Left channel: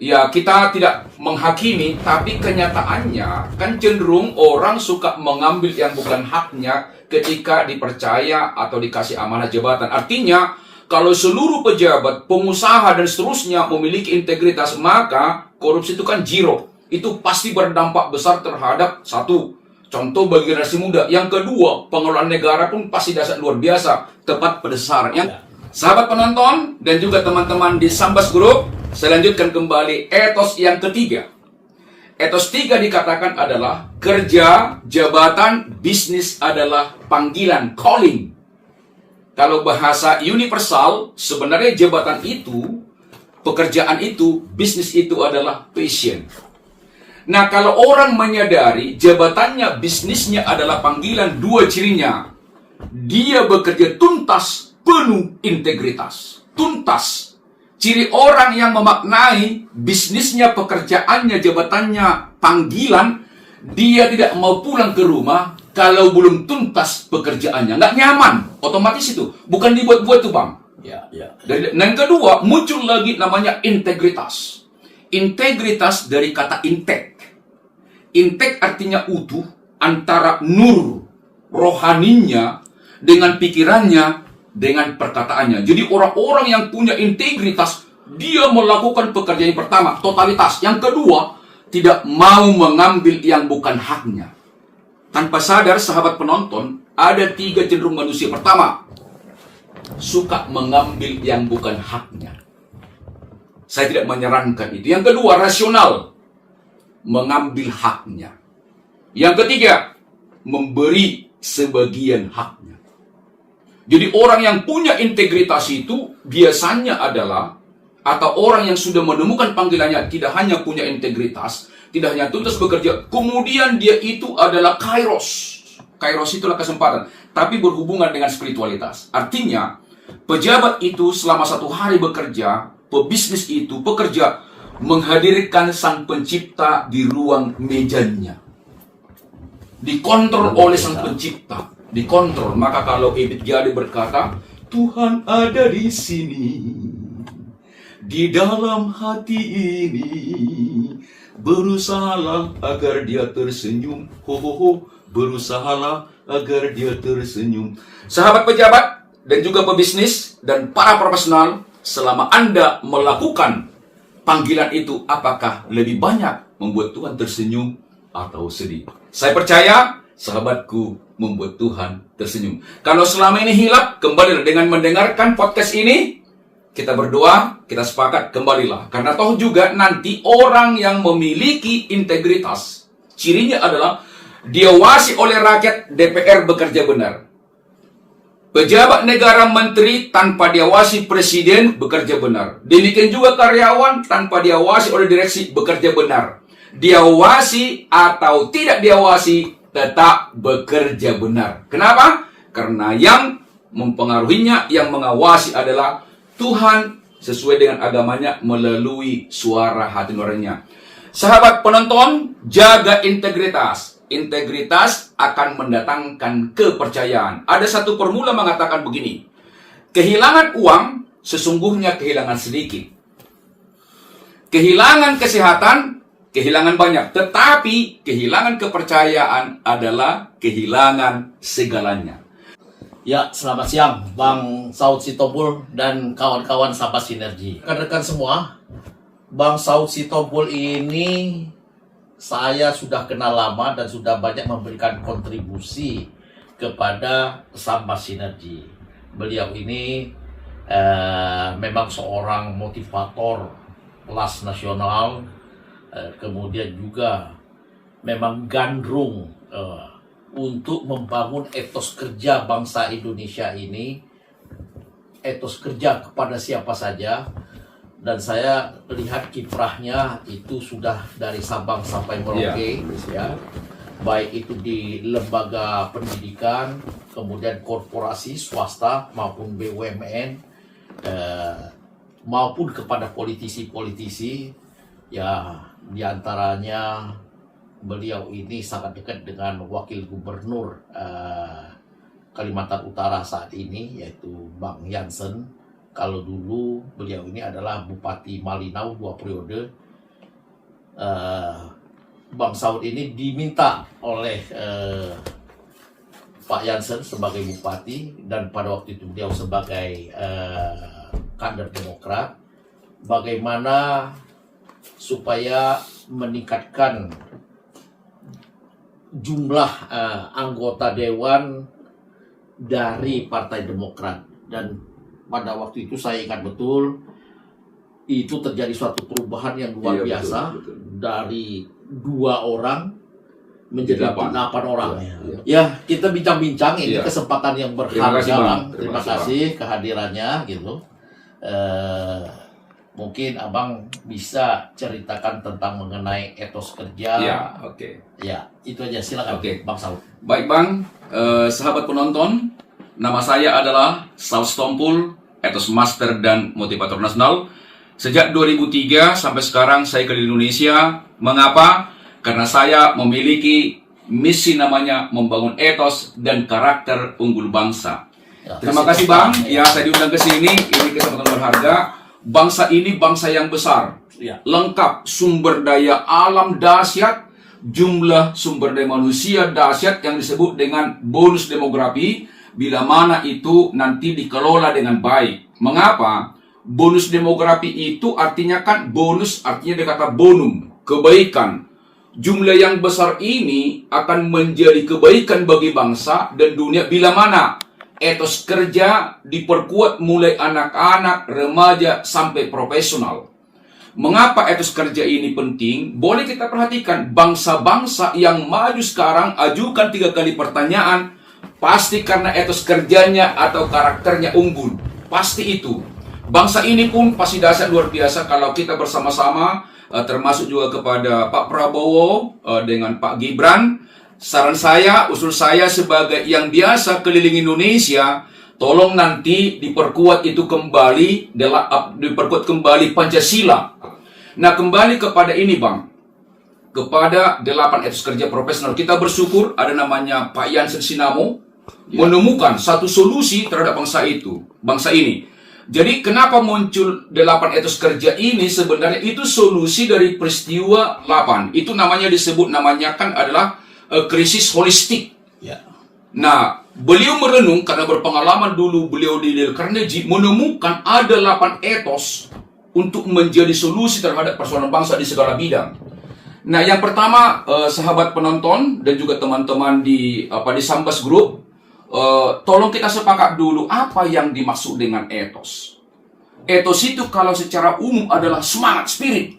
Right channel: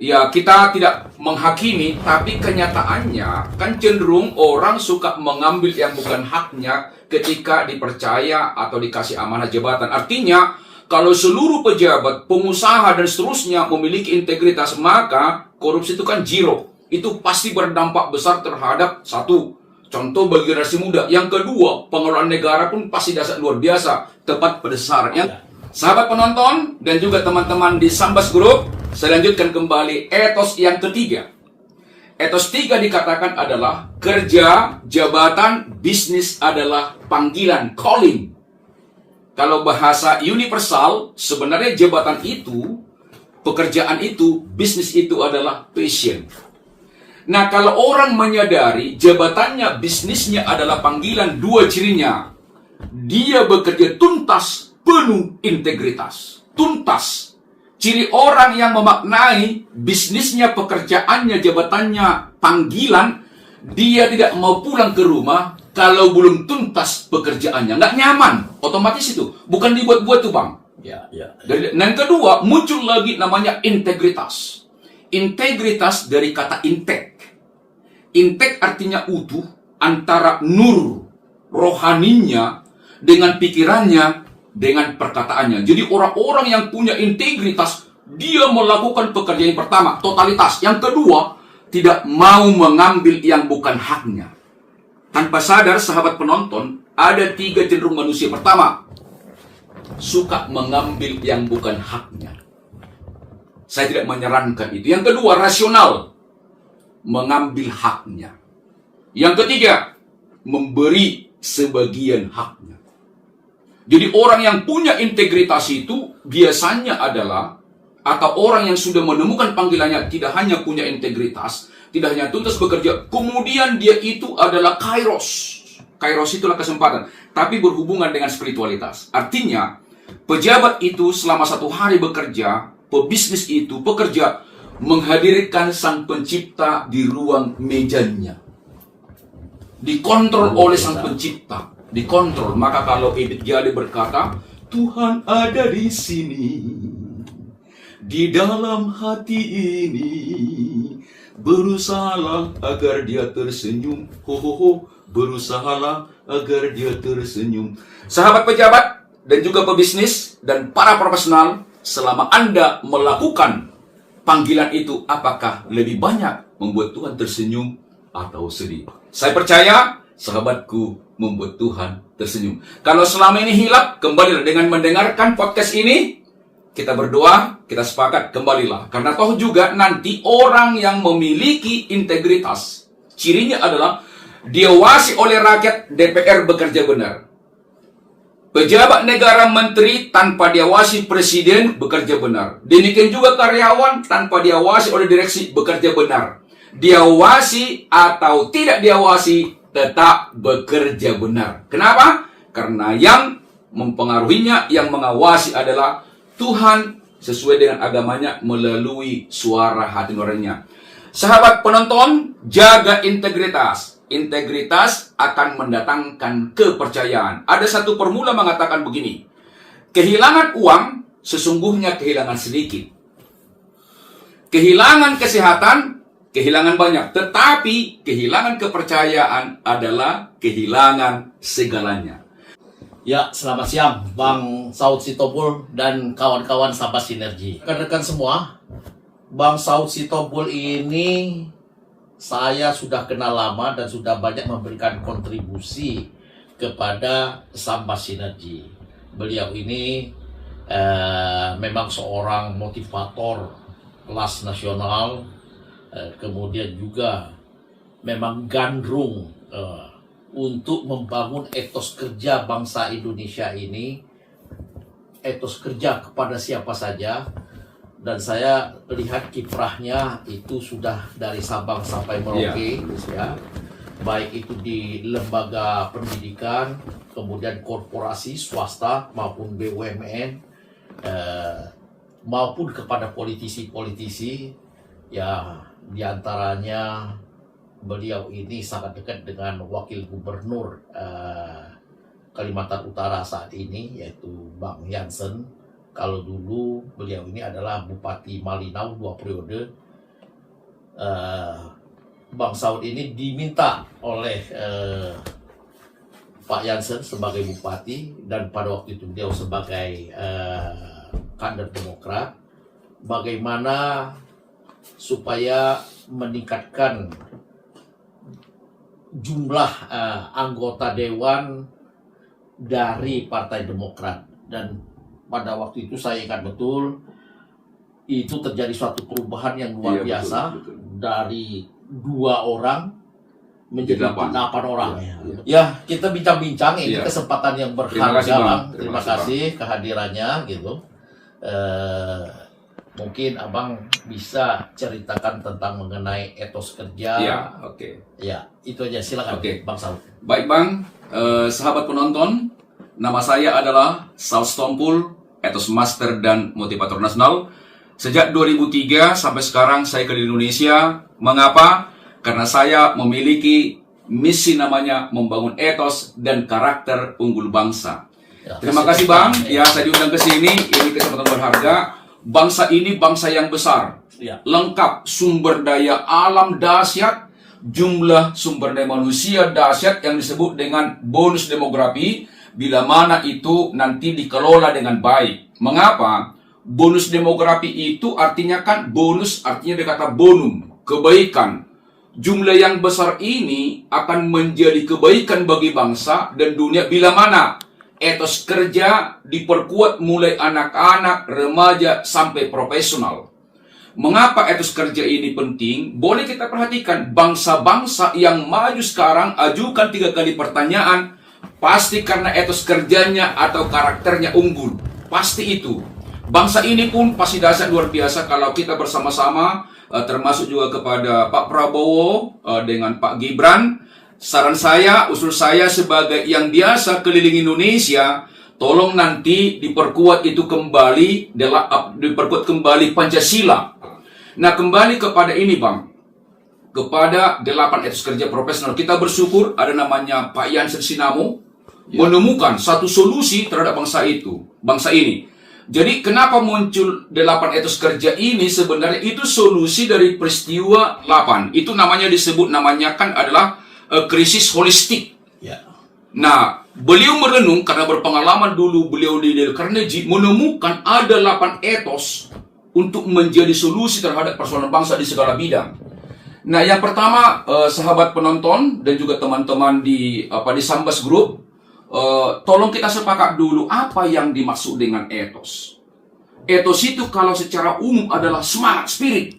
Ya, kita tidak menghakimi, tapi kenyataannya kan cenderung orang suka mengambil yang bukan haknya ketika dipercaya atau dikasih amanah jabatan. Artinya, kalau seluruh pejabat, pengusaha, dan seterusnya memiliki integritas, maka korupsi itu kan zero. Itu pasti berdampak besar terhadap satu, contoh bagi generasi muda. Yang kedua, pengelolaan negara pun pasti dasar luar biasa, tepat pada sasarannya. Sahabat penonton dan juga teman-teman di Sambas Group, saya lanjutkan kembali etos yang ketiga. Etos 3 dikatakan adalah kerja, jabatan, bisnis adalah panggilan, calling. Kalau bahasa universal, sebenarnya jabatan itu, pekerjaan itu, bisnis itu adalah passion. Nah, kalau orang menyadari jabatannya, bisnisnya adalah panggilan, dua cirinya. Dia bekerja tuntas, penuh integritas. Tuntas. Ciri orang yang memaknai bisnisnya, pekerjaannya, jabatannya, panggilan, dia tidak mau pulang ke rumah kalau belum tuntas pekerjaannya. Nggak nyaman, otomatis itu. Bukan dibuat-buat tuh, Bang. Dan yang kedua, muncul lagi namanya integritas. Integritas dari kata integ. Integ artinya utuh antara nur rohaninya dengan pikirannya, dengan perkataannya. Jadi orang-orang yang punya integritas, dia melakukan pekerjaan yang pertama, totalitas. Yang kedua, tidak mau mengambil yang bukan haknya. Tanpa sadar, sahabat penonton, ada 3 cenderung manusia. Pertama, suka mengambil yang bukan haknya. Saya tidak menyarankan itu. Yang kedua, rasional, mengambil haknya. Yang ketiga, memberi sebagian haknya. Jadi orang yang punya integritas itu biasanya adalah, atau orang yang sudah menemukan panggilannya, tidak hanya punya integritas, tidak hanya tuntas bekerja, kemudian dia itu adalah kairos. Kairos itulah kesempatan, tapi berhubungan dengan spiritualitas. Artinya, pejabat itu selama 1 hari bekerja, pebisnis itu pekerja, menghadirkan sang pencipta di ruang mejanya. Dikontrol oleh sang pencipta. Dikontrol. Maka kalau Edith Jali berkata, Tuhan ada di sini, di dalam hati ini, berusahalah agar dia tersenyum. Berusahalah agar dia tersenyum. Sahabat pejabat dan juga pebisnis dan para profesional, selama Anda melakukan panggilan itu, apakah lebih banyak membuat Tuhan tersenyum atau sedih? Saya percaya sahabatku membuat Tuhan tersenyum. Kalau selama ini hilap, kembalilah dengan mendengarkan podcast ini. Kita berdoa, kita sepakat, kembalilah. Karena toh juga nanti orang yang memiliki integritas, cirinya adalah diawasi oleh rakyat, DPR bekerja benar. Pejabat negara, menteri tanpa diawasi presiden bekerja benar. Demikian juga karyawan tanpa diawasi oleh direksi bekerja benar. Diawasi atau tidak diawasi, tetap bekerja benar. Kenapa? Karena yang mempengaruhinya, yang mengawasi adalah Tuhan sesuai dengan agamanya melalui suara hati nuraninya. Sahabat penonton, jaga integritas. Integritas akan mendatangkan kepercayaan. Ada satu formula mengatakan begini, kehilangan uang sesungguhnya kehilangan sedikit. Kehilangan kesehatan, kehilangan banyak. Tetapi kehilangan kepercayaan adalah kehilangan segalanya. Ya, selamat siang Bang Saud Sitobul dan kawan-kawan Sambas Sinergi. Rekan-rekan semua, Bang Saud Sitobul ini saya sudah kenal lama dan sudah banyak memberikan kontribusi kepada Sambas Sinergi. Beliau ini memang seorang motivator kelas nasional, kemudian juga memang gandrung untuk membangun etos kerja bangsa Indonesia ini, etos kerja kepada siapa saja. Dan saya lihat kiprahnya itu sudah dari Sabang sampai Merauke, ya. Baik itu di lembaga pendidikan, kemudian korporasi swasta maupun BUMN, maupun kepada politisi-politisi, ya, diantaranya beliau ini sangat dekat dengan Wakil Gubernur Kalimantan Utara saat ini, yaitu Bang Jansen. Kalau dulu beliau ini adalah Bupati Malinau 2 periode, Bang Saud ini diminta oleh Pak Jansen sebagai bupati dan pada waktu itu beliau sebagai kader Demokrat, bagaimana supaya meningkatkan jumlah anggota dewan dari Partai Demokrat. Dan pada waktu itu saya ingat betul itu terjadi suatu perubahan yang luar Iya, biasa, betul. dari 2 orang menjadi 8 orang. Iya. Ya, kita bincang-bincang, ini Iya. kesempatan yang Terima berharga, kasih, Bang. Bang. Terima Terima kasih, kasih kehadirannya gitu. Mungkin Abang bisa ceritakan tentang mengenai etos kerja. Ya, oke. Ya, itu aja, silakan Oke. Bang Saud. Baik Bang, sahabat penonton, nama saya adalah Saud Stompul, Etos Master dan Motivator Nasional. Sejak 2003 sampai sekarang saya keliling Indonesia. Mengapa? Karena saya memiliki misi namanya membangun etos dan karakter unggul bangsa. Ya, Terima kasih Bang, ya saya diundang ke sini, ini kesempatan berharga. Bangsa ini bangsa yang besar, Ya. lengkap, sumber daya alam dahsyat, jumlah sumber daya manusia dahsyat yang disebut dengan bonus demografi, bila mana itu nanti dikelola dengan baik. Mengapa? Bonus demografi itu artinya kan bonus, artinya dari kata bonum, kebaikan. Jumlah yang besar ini akan menjadi kebaikan bagi bangsa dan dunia bila mana etos kerja diperkuat mulai anak-anak, remaja, sampai profesional. Mengapa etos kerja ini penting? Boleh kita perhatikan, bangsa-bangsa yang maju sekarang ajukan 3 kali pertanyaan, pasti karena etos kerjanya atau karakternya unggul. Pasti itu. Bangsa ini pun pasti dahsyat luar biasa kalau kita bersama-sama, termasuk juga kepada Pak Prabowo dengan Pak Gibran. Saran saya, usul saya sebagai yang biasa keliling Indonesia, tolong nanti diperkuat itu kembali, diperkuat kembali Pancasila. Nah, kembali kepada ini Bang, kepada 8 etos kerja profesional. Kita bersyukur ada namanya Pak Jansen Sinamo, menemukan satu solusi terhadap bangsa ini. Jadi kenapa muncul 8 etos kerja ini? Sebenarnya itu solusi dari peristiwa 8. Itu namanya kan adalah krisis holistik. Ya. Nah, beliau merenung karena berpengalaman dulu beliau di Dale Carnegie, menemukan ada 8 etos untuk menjadi solusi terhadap persoalan bangsa di segala bidang. Nah, yang pertama, sahabat penonton dan juga teman-teman di Sambas Group, tolong kita sepakat dulu apa yang dimaksud dengan etos. Etos itu kalau secara umum adalah semangat, spirit.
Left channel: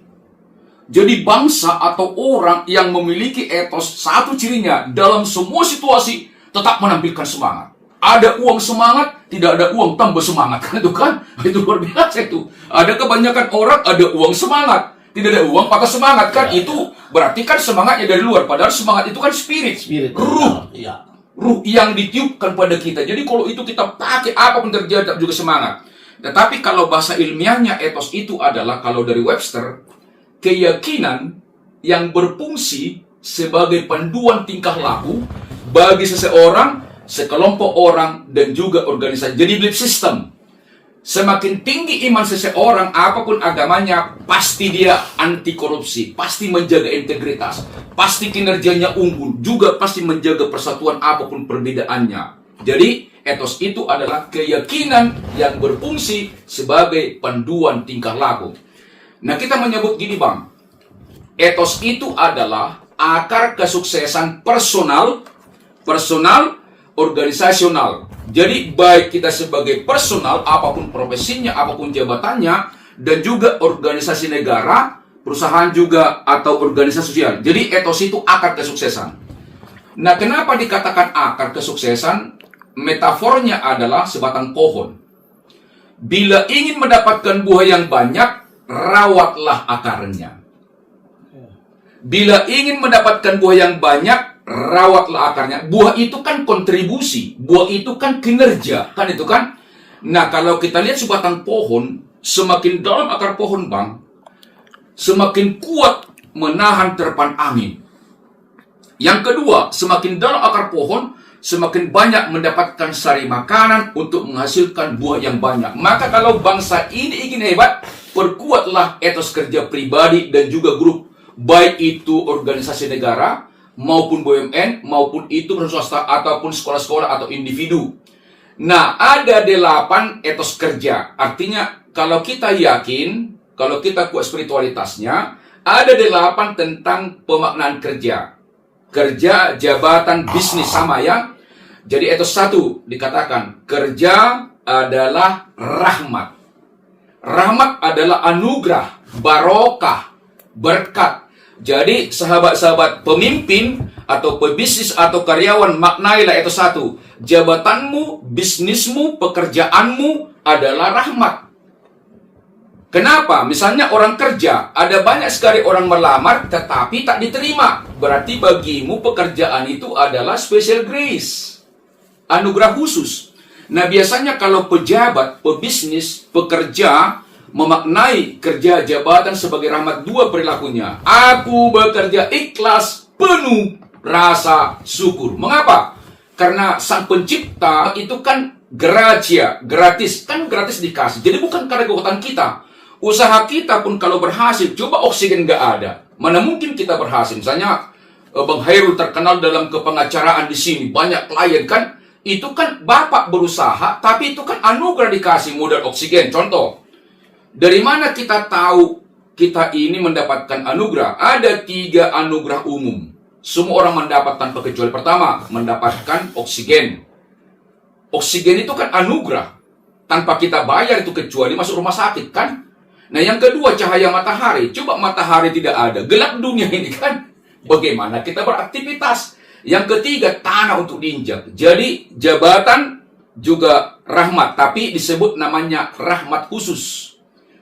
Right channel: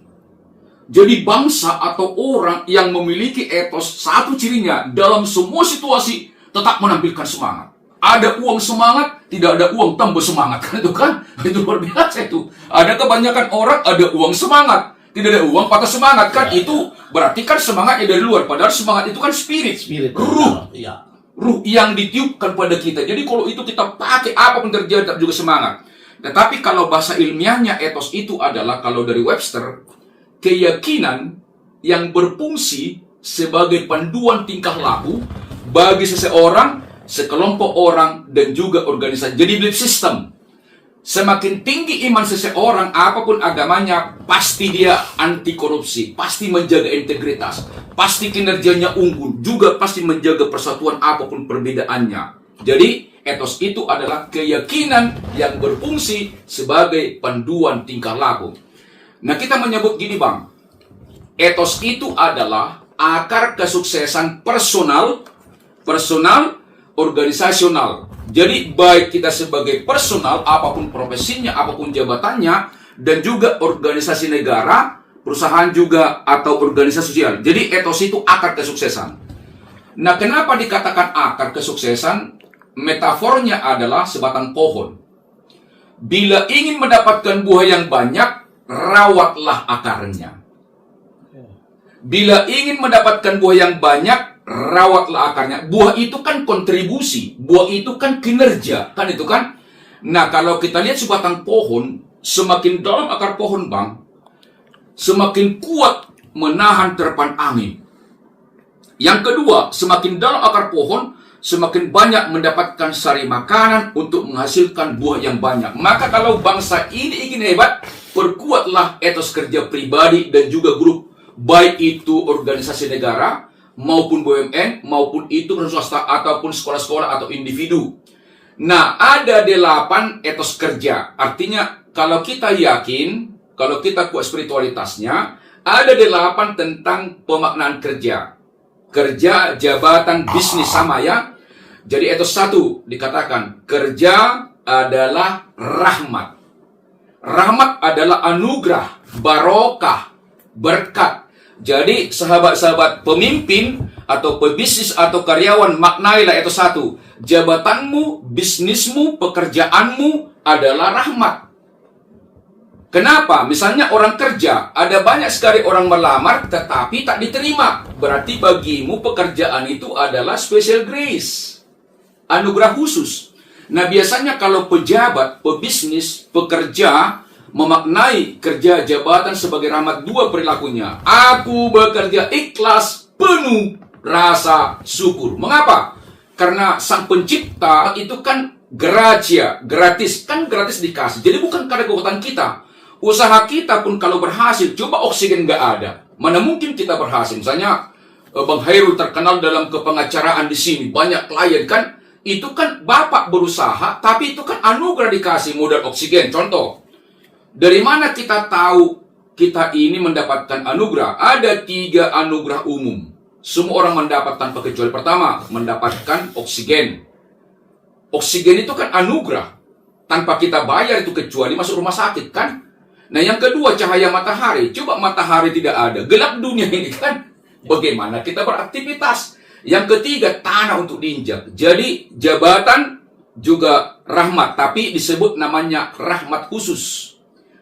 Jadi bangsa atau orang yang memiliki etos, satu cirinya dalam semua situasi tetap menampilkan semangat. Ada uang semangat, tidak ada uang tambah semangat. Itu kan? Itu luar biasa itu. Ada kebanyakan orang ada uang semangat, tidak ada uang patah semangat kan? Ya, itu berarti kan semangatnya dari luar. Padahal semangat itu kan spirit, ruh. Ya. Ruh yang ditiupkan pada kita. Jadi kalau itu kita pakai apapun terjadi tetap juga semangat. Tetapi kalau bahasa ilmiahnya etos itu adalah kalau dari Webster, keyakinan yang berfungsi sebagai panduan tingkah laku bagi seseorang, sekelompok orang, dan juga organisasi. Jadi belief system. Semakin tinggi iman seseorang, apapun agamanya, pasti dia anti korupsi, pasti menjaga integritas, pasti kinerjanya unggul, juga pasti menjaga persatuan apapun perbedaannya. Jadi, etos itu adalah keyakinan yang berfungsi sebagai panduan tingkah laku. Nah, kita menyebut gini Bang, etos itu adalah akar kesuksesan personal, organisasional. Jadi baik kita sebagai personal, apapun profesinya, apapun jabatannya, dan juga organisasi negara, perusahaan juga, atau organisasi sosial. Jadi etos itu akar kesuksesan. Nah, kenapa dikatakan akar kesuksesan? Metafornya adalah sebatang pohon. Bila ingin mendapatkan buah yang banyak, rawatlah akarnya. Bila ingin mendapatkan buah yang banyak, rawatlah akarnya. Buah itu kan kontribusi, buah itu kan kinerja, kan itu kan. Nah, kalau kita lihat sebatang pohon, semakin dalam akar pohon Bang, semakin kuat menahan terpan angin. Yang kedua, semakin dalam akar pohon, semakin banyak mendapatkan sari makanan untuk menghasilkan buah yang banyak. Maka kalau bangsa ini ingin hebat, perkuatlah etos kerja pribadi dan juga grup baik itu organisasi negara, maupun BUMN, maupun itu perusahaan swasta, ataupun sekolah-sekolah atau individu. Nah, ada 8 etos kerja. Artinya, kalau kita yakin, kalau kita kuat spiritualitasnya, ada 8 tentang pemaknaan kerja. Kerja, jabatan, bisnis, sama ya. Jadi etos 1 dikatakan, kerja adalah rahmat. Rahmat adalah anugerah, barokah, berkat. Jadi sahabat-sahabat pemimpin atau pebisnis atau karyawan, maknailah etos 1. Jabatanmu, bisnismu, pekerjaanmu adalah rahmat. Kenapa? Misalnya orang kerja, ada banyak sekali orang melamar tetapi tak diterima. Berarti bagimu pekerjaan itu adalah special grace, anugerah khusus. Nah, biasanya kalau pejabat, pebisnis, pekerja memaknai kerja jabatan sebagai rahmat, 2 perilakunya. Aku bekerja ikhlas, penuh rasa syukur. Mengapa? Karena sang pencipta itu kan gratia, gratis. Kan gratis dikasih. Jadi bukan karena kekuatan kita. Usaha kita pun kalau berhasil, coba oksigen nggak ada. Mana mungkin kita berhasil? Misalnya, Bang Hairul terkenal dalam kepengacaraan di sini. Banyak klien kan. Itu kan Bapak berusaha, tapi itu kan anugerah dikasih modal oksigen. Contoh, dari mana kita tahu kita ini mendapatkan anugerah? Ada 3 anugerah umum. Semua orang mendapat tanpa kecuali. Pertama, mendapatkan oksigen. Oksigen itu kan anugerah. Tanpa kita bayar itu kecuali masuk rumah sakit kan? Nah, yang kedua, cahaya matahari. Coba matahari tidak ada, gelap dunia ini kan? Bagaimana kita beraktivitas? Yang ketiga, tanah untuk diinjak. Jadi, jabatan juga rahmat, tapi disebut namanya rahmat khusus.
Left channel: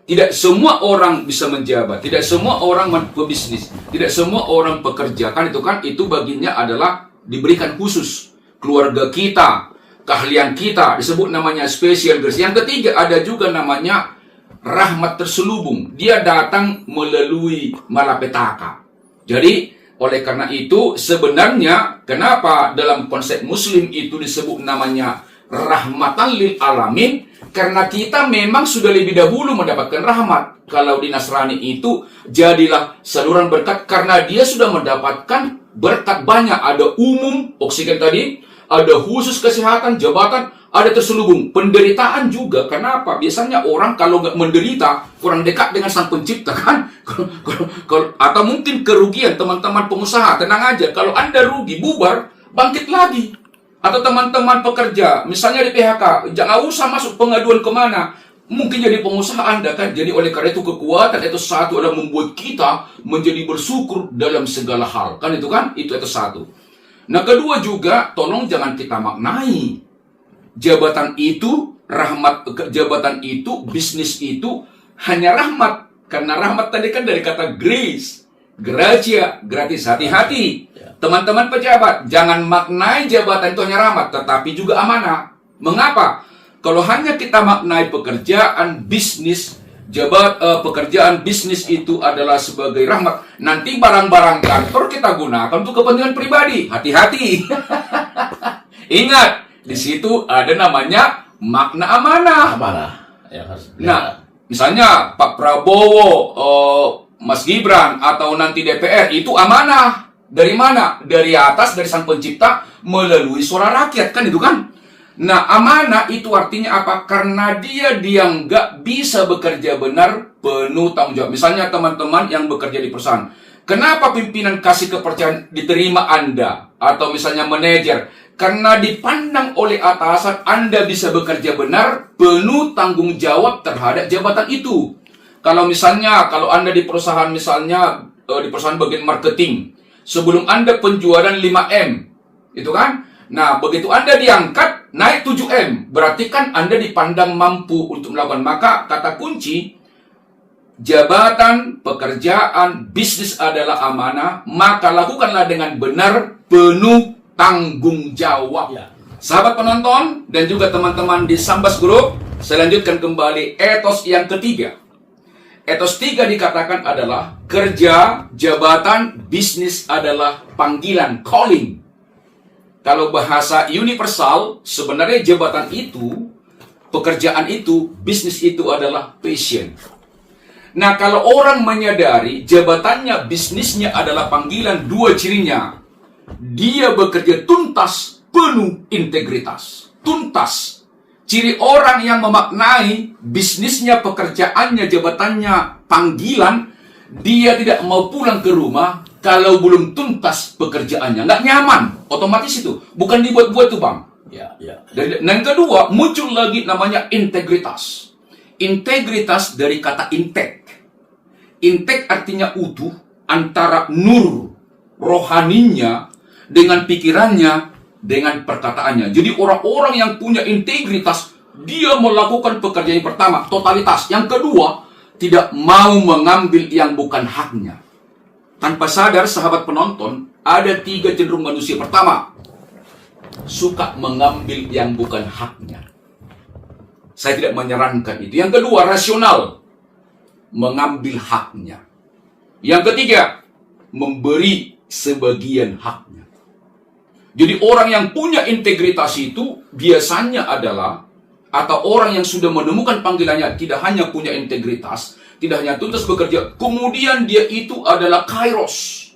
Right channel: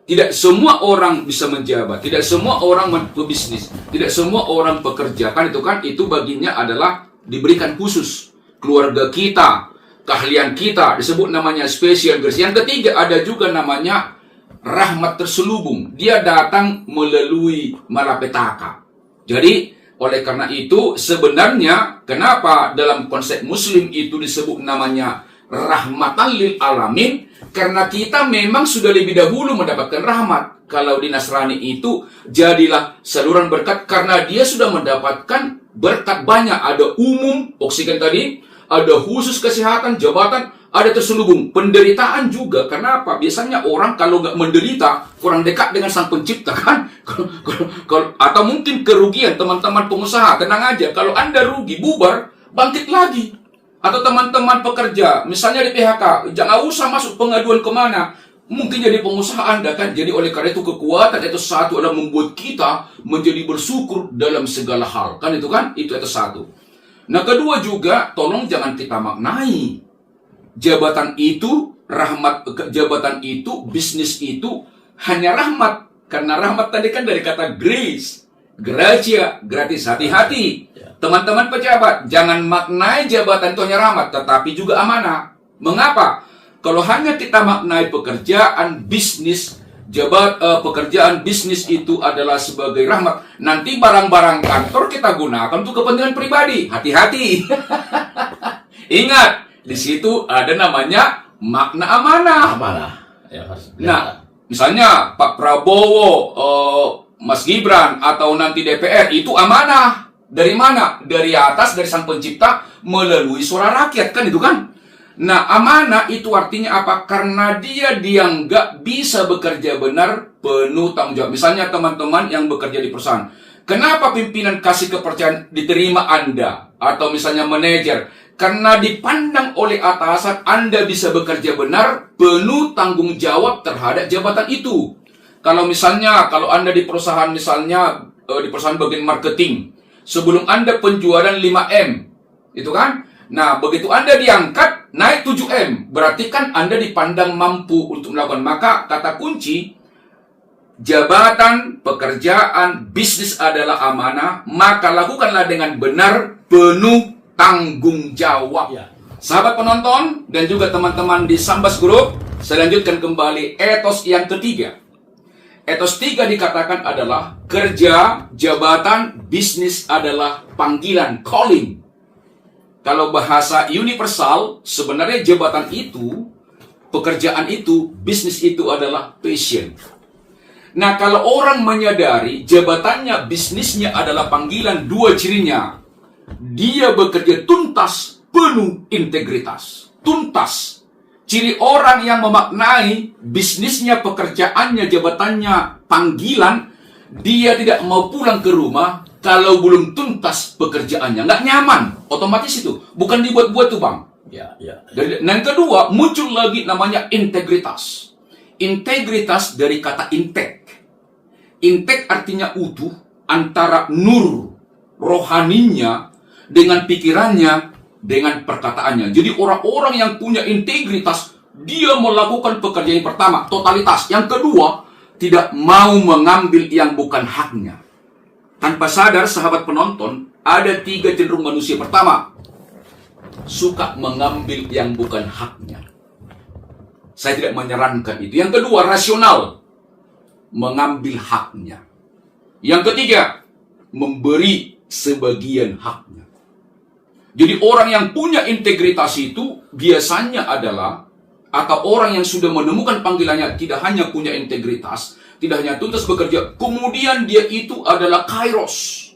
Tidak semua orang bisa menjabat, tidak semua orang pebisnis, tidak semua orang pekerja. Kan itu baginya adalah diberikan khusus. Keluarga kita, keahlian kita, disebut namanya special grace. Yang ketiga, ada juga namanya rahmat terselubung. Dia datang melalui malapetaka. Jadi, oleh karena itu, sebenarnya kenapa dalam konsep Muslim itu disebut namanya rahmatan lil alamin? Karena kita memang sudah lebih dahulu mendapatkan rahmat. Kalau di Nasrani itu, jadilah saluran berkat karena dia sudah mendapatkan berkat banyak. Ada umum, oksigen tadi, ada khusus kesehatan, jabatan, ada terselubung. Penderitaan juga. Kenapa? Biasanya orang kalau nggak menderita, kurang dekat dengan sang pencipta kan? Atau mungkin kerugian teman-teman pengusaha. Tenang aja, kalau Anda rugi, bubar, bangkit lagi. Atau teman-teman pekerja, misalnya di PHK, jangan usah masuk pengaduan kemana. Mungkin jadi pengusaha Anda kan. Jadi oleh karena itu kekuatan itu 1 adalah membuat kita menjadi bersyukur dalam segala hal. Kan itu kan? Itu 1. Nah, kedua juga, tolong jangan kita maknai jabatan itu, rahmat, jabatan itu, bisnis itu hanya rahmat. Karena rahmat tadi kan dari kata grace, gratia, gratis. Hati-hati. Teman-teman pejabat, jangan maknai jabatan itu hanya rahmat, tetapi juga amanah. Mengapa? Kalau hanya kita maknai pekerjaan, bisnis, pekerjaan bisnis itu adalah sebagai rahmat, nanti barang-barang kantor kita gunakan untuk kepentingan pribadi. Hati-hati. Ingat, di situ ada namanya makna amanah. Amanah. Ya, nah, misalnya Pak Prabowo, Mas Gibran, atau nanti DPR, itu amanah. Dari mana? Dari atas, dari sang pencipta, melalui suara rakyat. Kan itu kan? Nah, amanah itu artinya apa? Karena dia nggak bisa bekerja benar, penuh tanggung jawab. Misalnya teman-teman yang bekerja di perusahaan. Kenapa pimpinan kasih kepercayaan diterima Anda? Atau misalnya manajer. Karena dipandang oleh atasan Anda bisa bekerja benar, penuh tanggung jawab terhadap jabatan itu. Kalau Anda di perusahaan, misalnya di perusahaan bagian marketing, sebelum Anda penjualan 5M, itu kan? Nah, begitu Anda diangkat, naik 7M. Berarti kan Anda dipandang mampu untuk melakukan. Maka kata kunci, jabatan, pekerjaan, bisnis adalah amanah. Maka lakukanlah dengan benar, penuh tanggung jawab. Ya. Sahabat penonton dan juga teman-teman di Sambas Group, saya lanjutkan kembali etos yang ketiga. Etos 3 dikatakan adalah kerja, jabatan, bisnis adalah panggilan, calling. Kalau bahasa universal, sebenarnya jabatan itu, pekerjaan itu, bisnis itu adalah passion. Nah, kalau orang menyadari jabatannya, bisnisnya adalah panggilan, dua cirinya. Dia bekerja tuntas, penuh integritas. Tuntas. Ciri orang yang memaknai bisnisnya, pekerjaannya, jabatannya, panggilan, dia tidak mau pulang ke rumah kalau belum tuntas pekerjaannya. Nggak nyaman, otomatis itu. Bukan dibuat-buat tuh, Bang. Ya. Dan yang kedua, muncul lagi namanya integritas. Integritas dari kata integ. Integ artinya utuh antara nur rohaninya dengan pikirannya, dengan perkataannya. Jadi orang-orang yang punya integritas, dia melakukan pekerjaan yang pertama, totalitas. Yang kedua, tidak mau mengambil yang bukan haknya. Tanpa sadar, sahabat penonton, ada 3 cenderung manusia. Pertama, suka mengambil yang bukan haknya. Saya tidak menyarankan itu. Yang kedua, rasional, mengambil haknya. Yang ketiga, memberi sebagian haknya. Jadi orang yang punya integritas itu biasanya adalah, atau orang yang sudah menemukan panggilannya, tidak hanya punya integritas, tidak hanya tuntas bekerja, kemudian dia itu adalah kairos.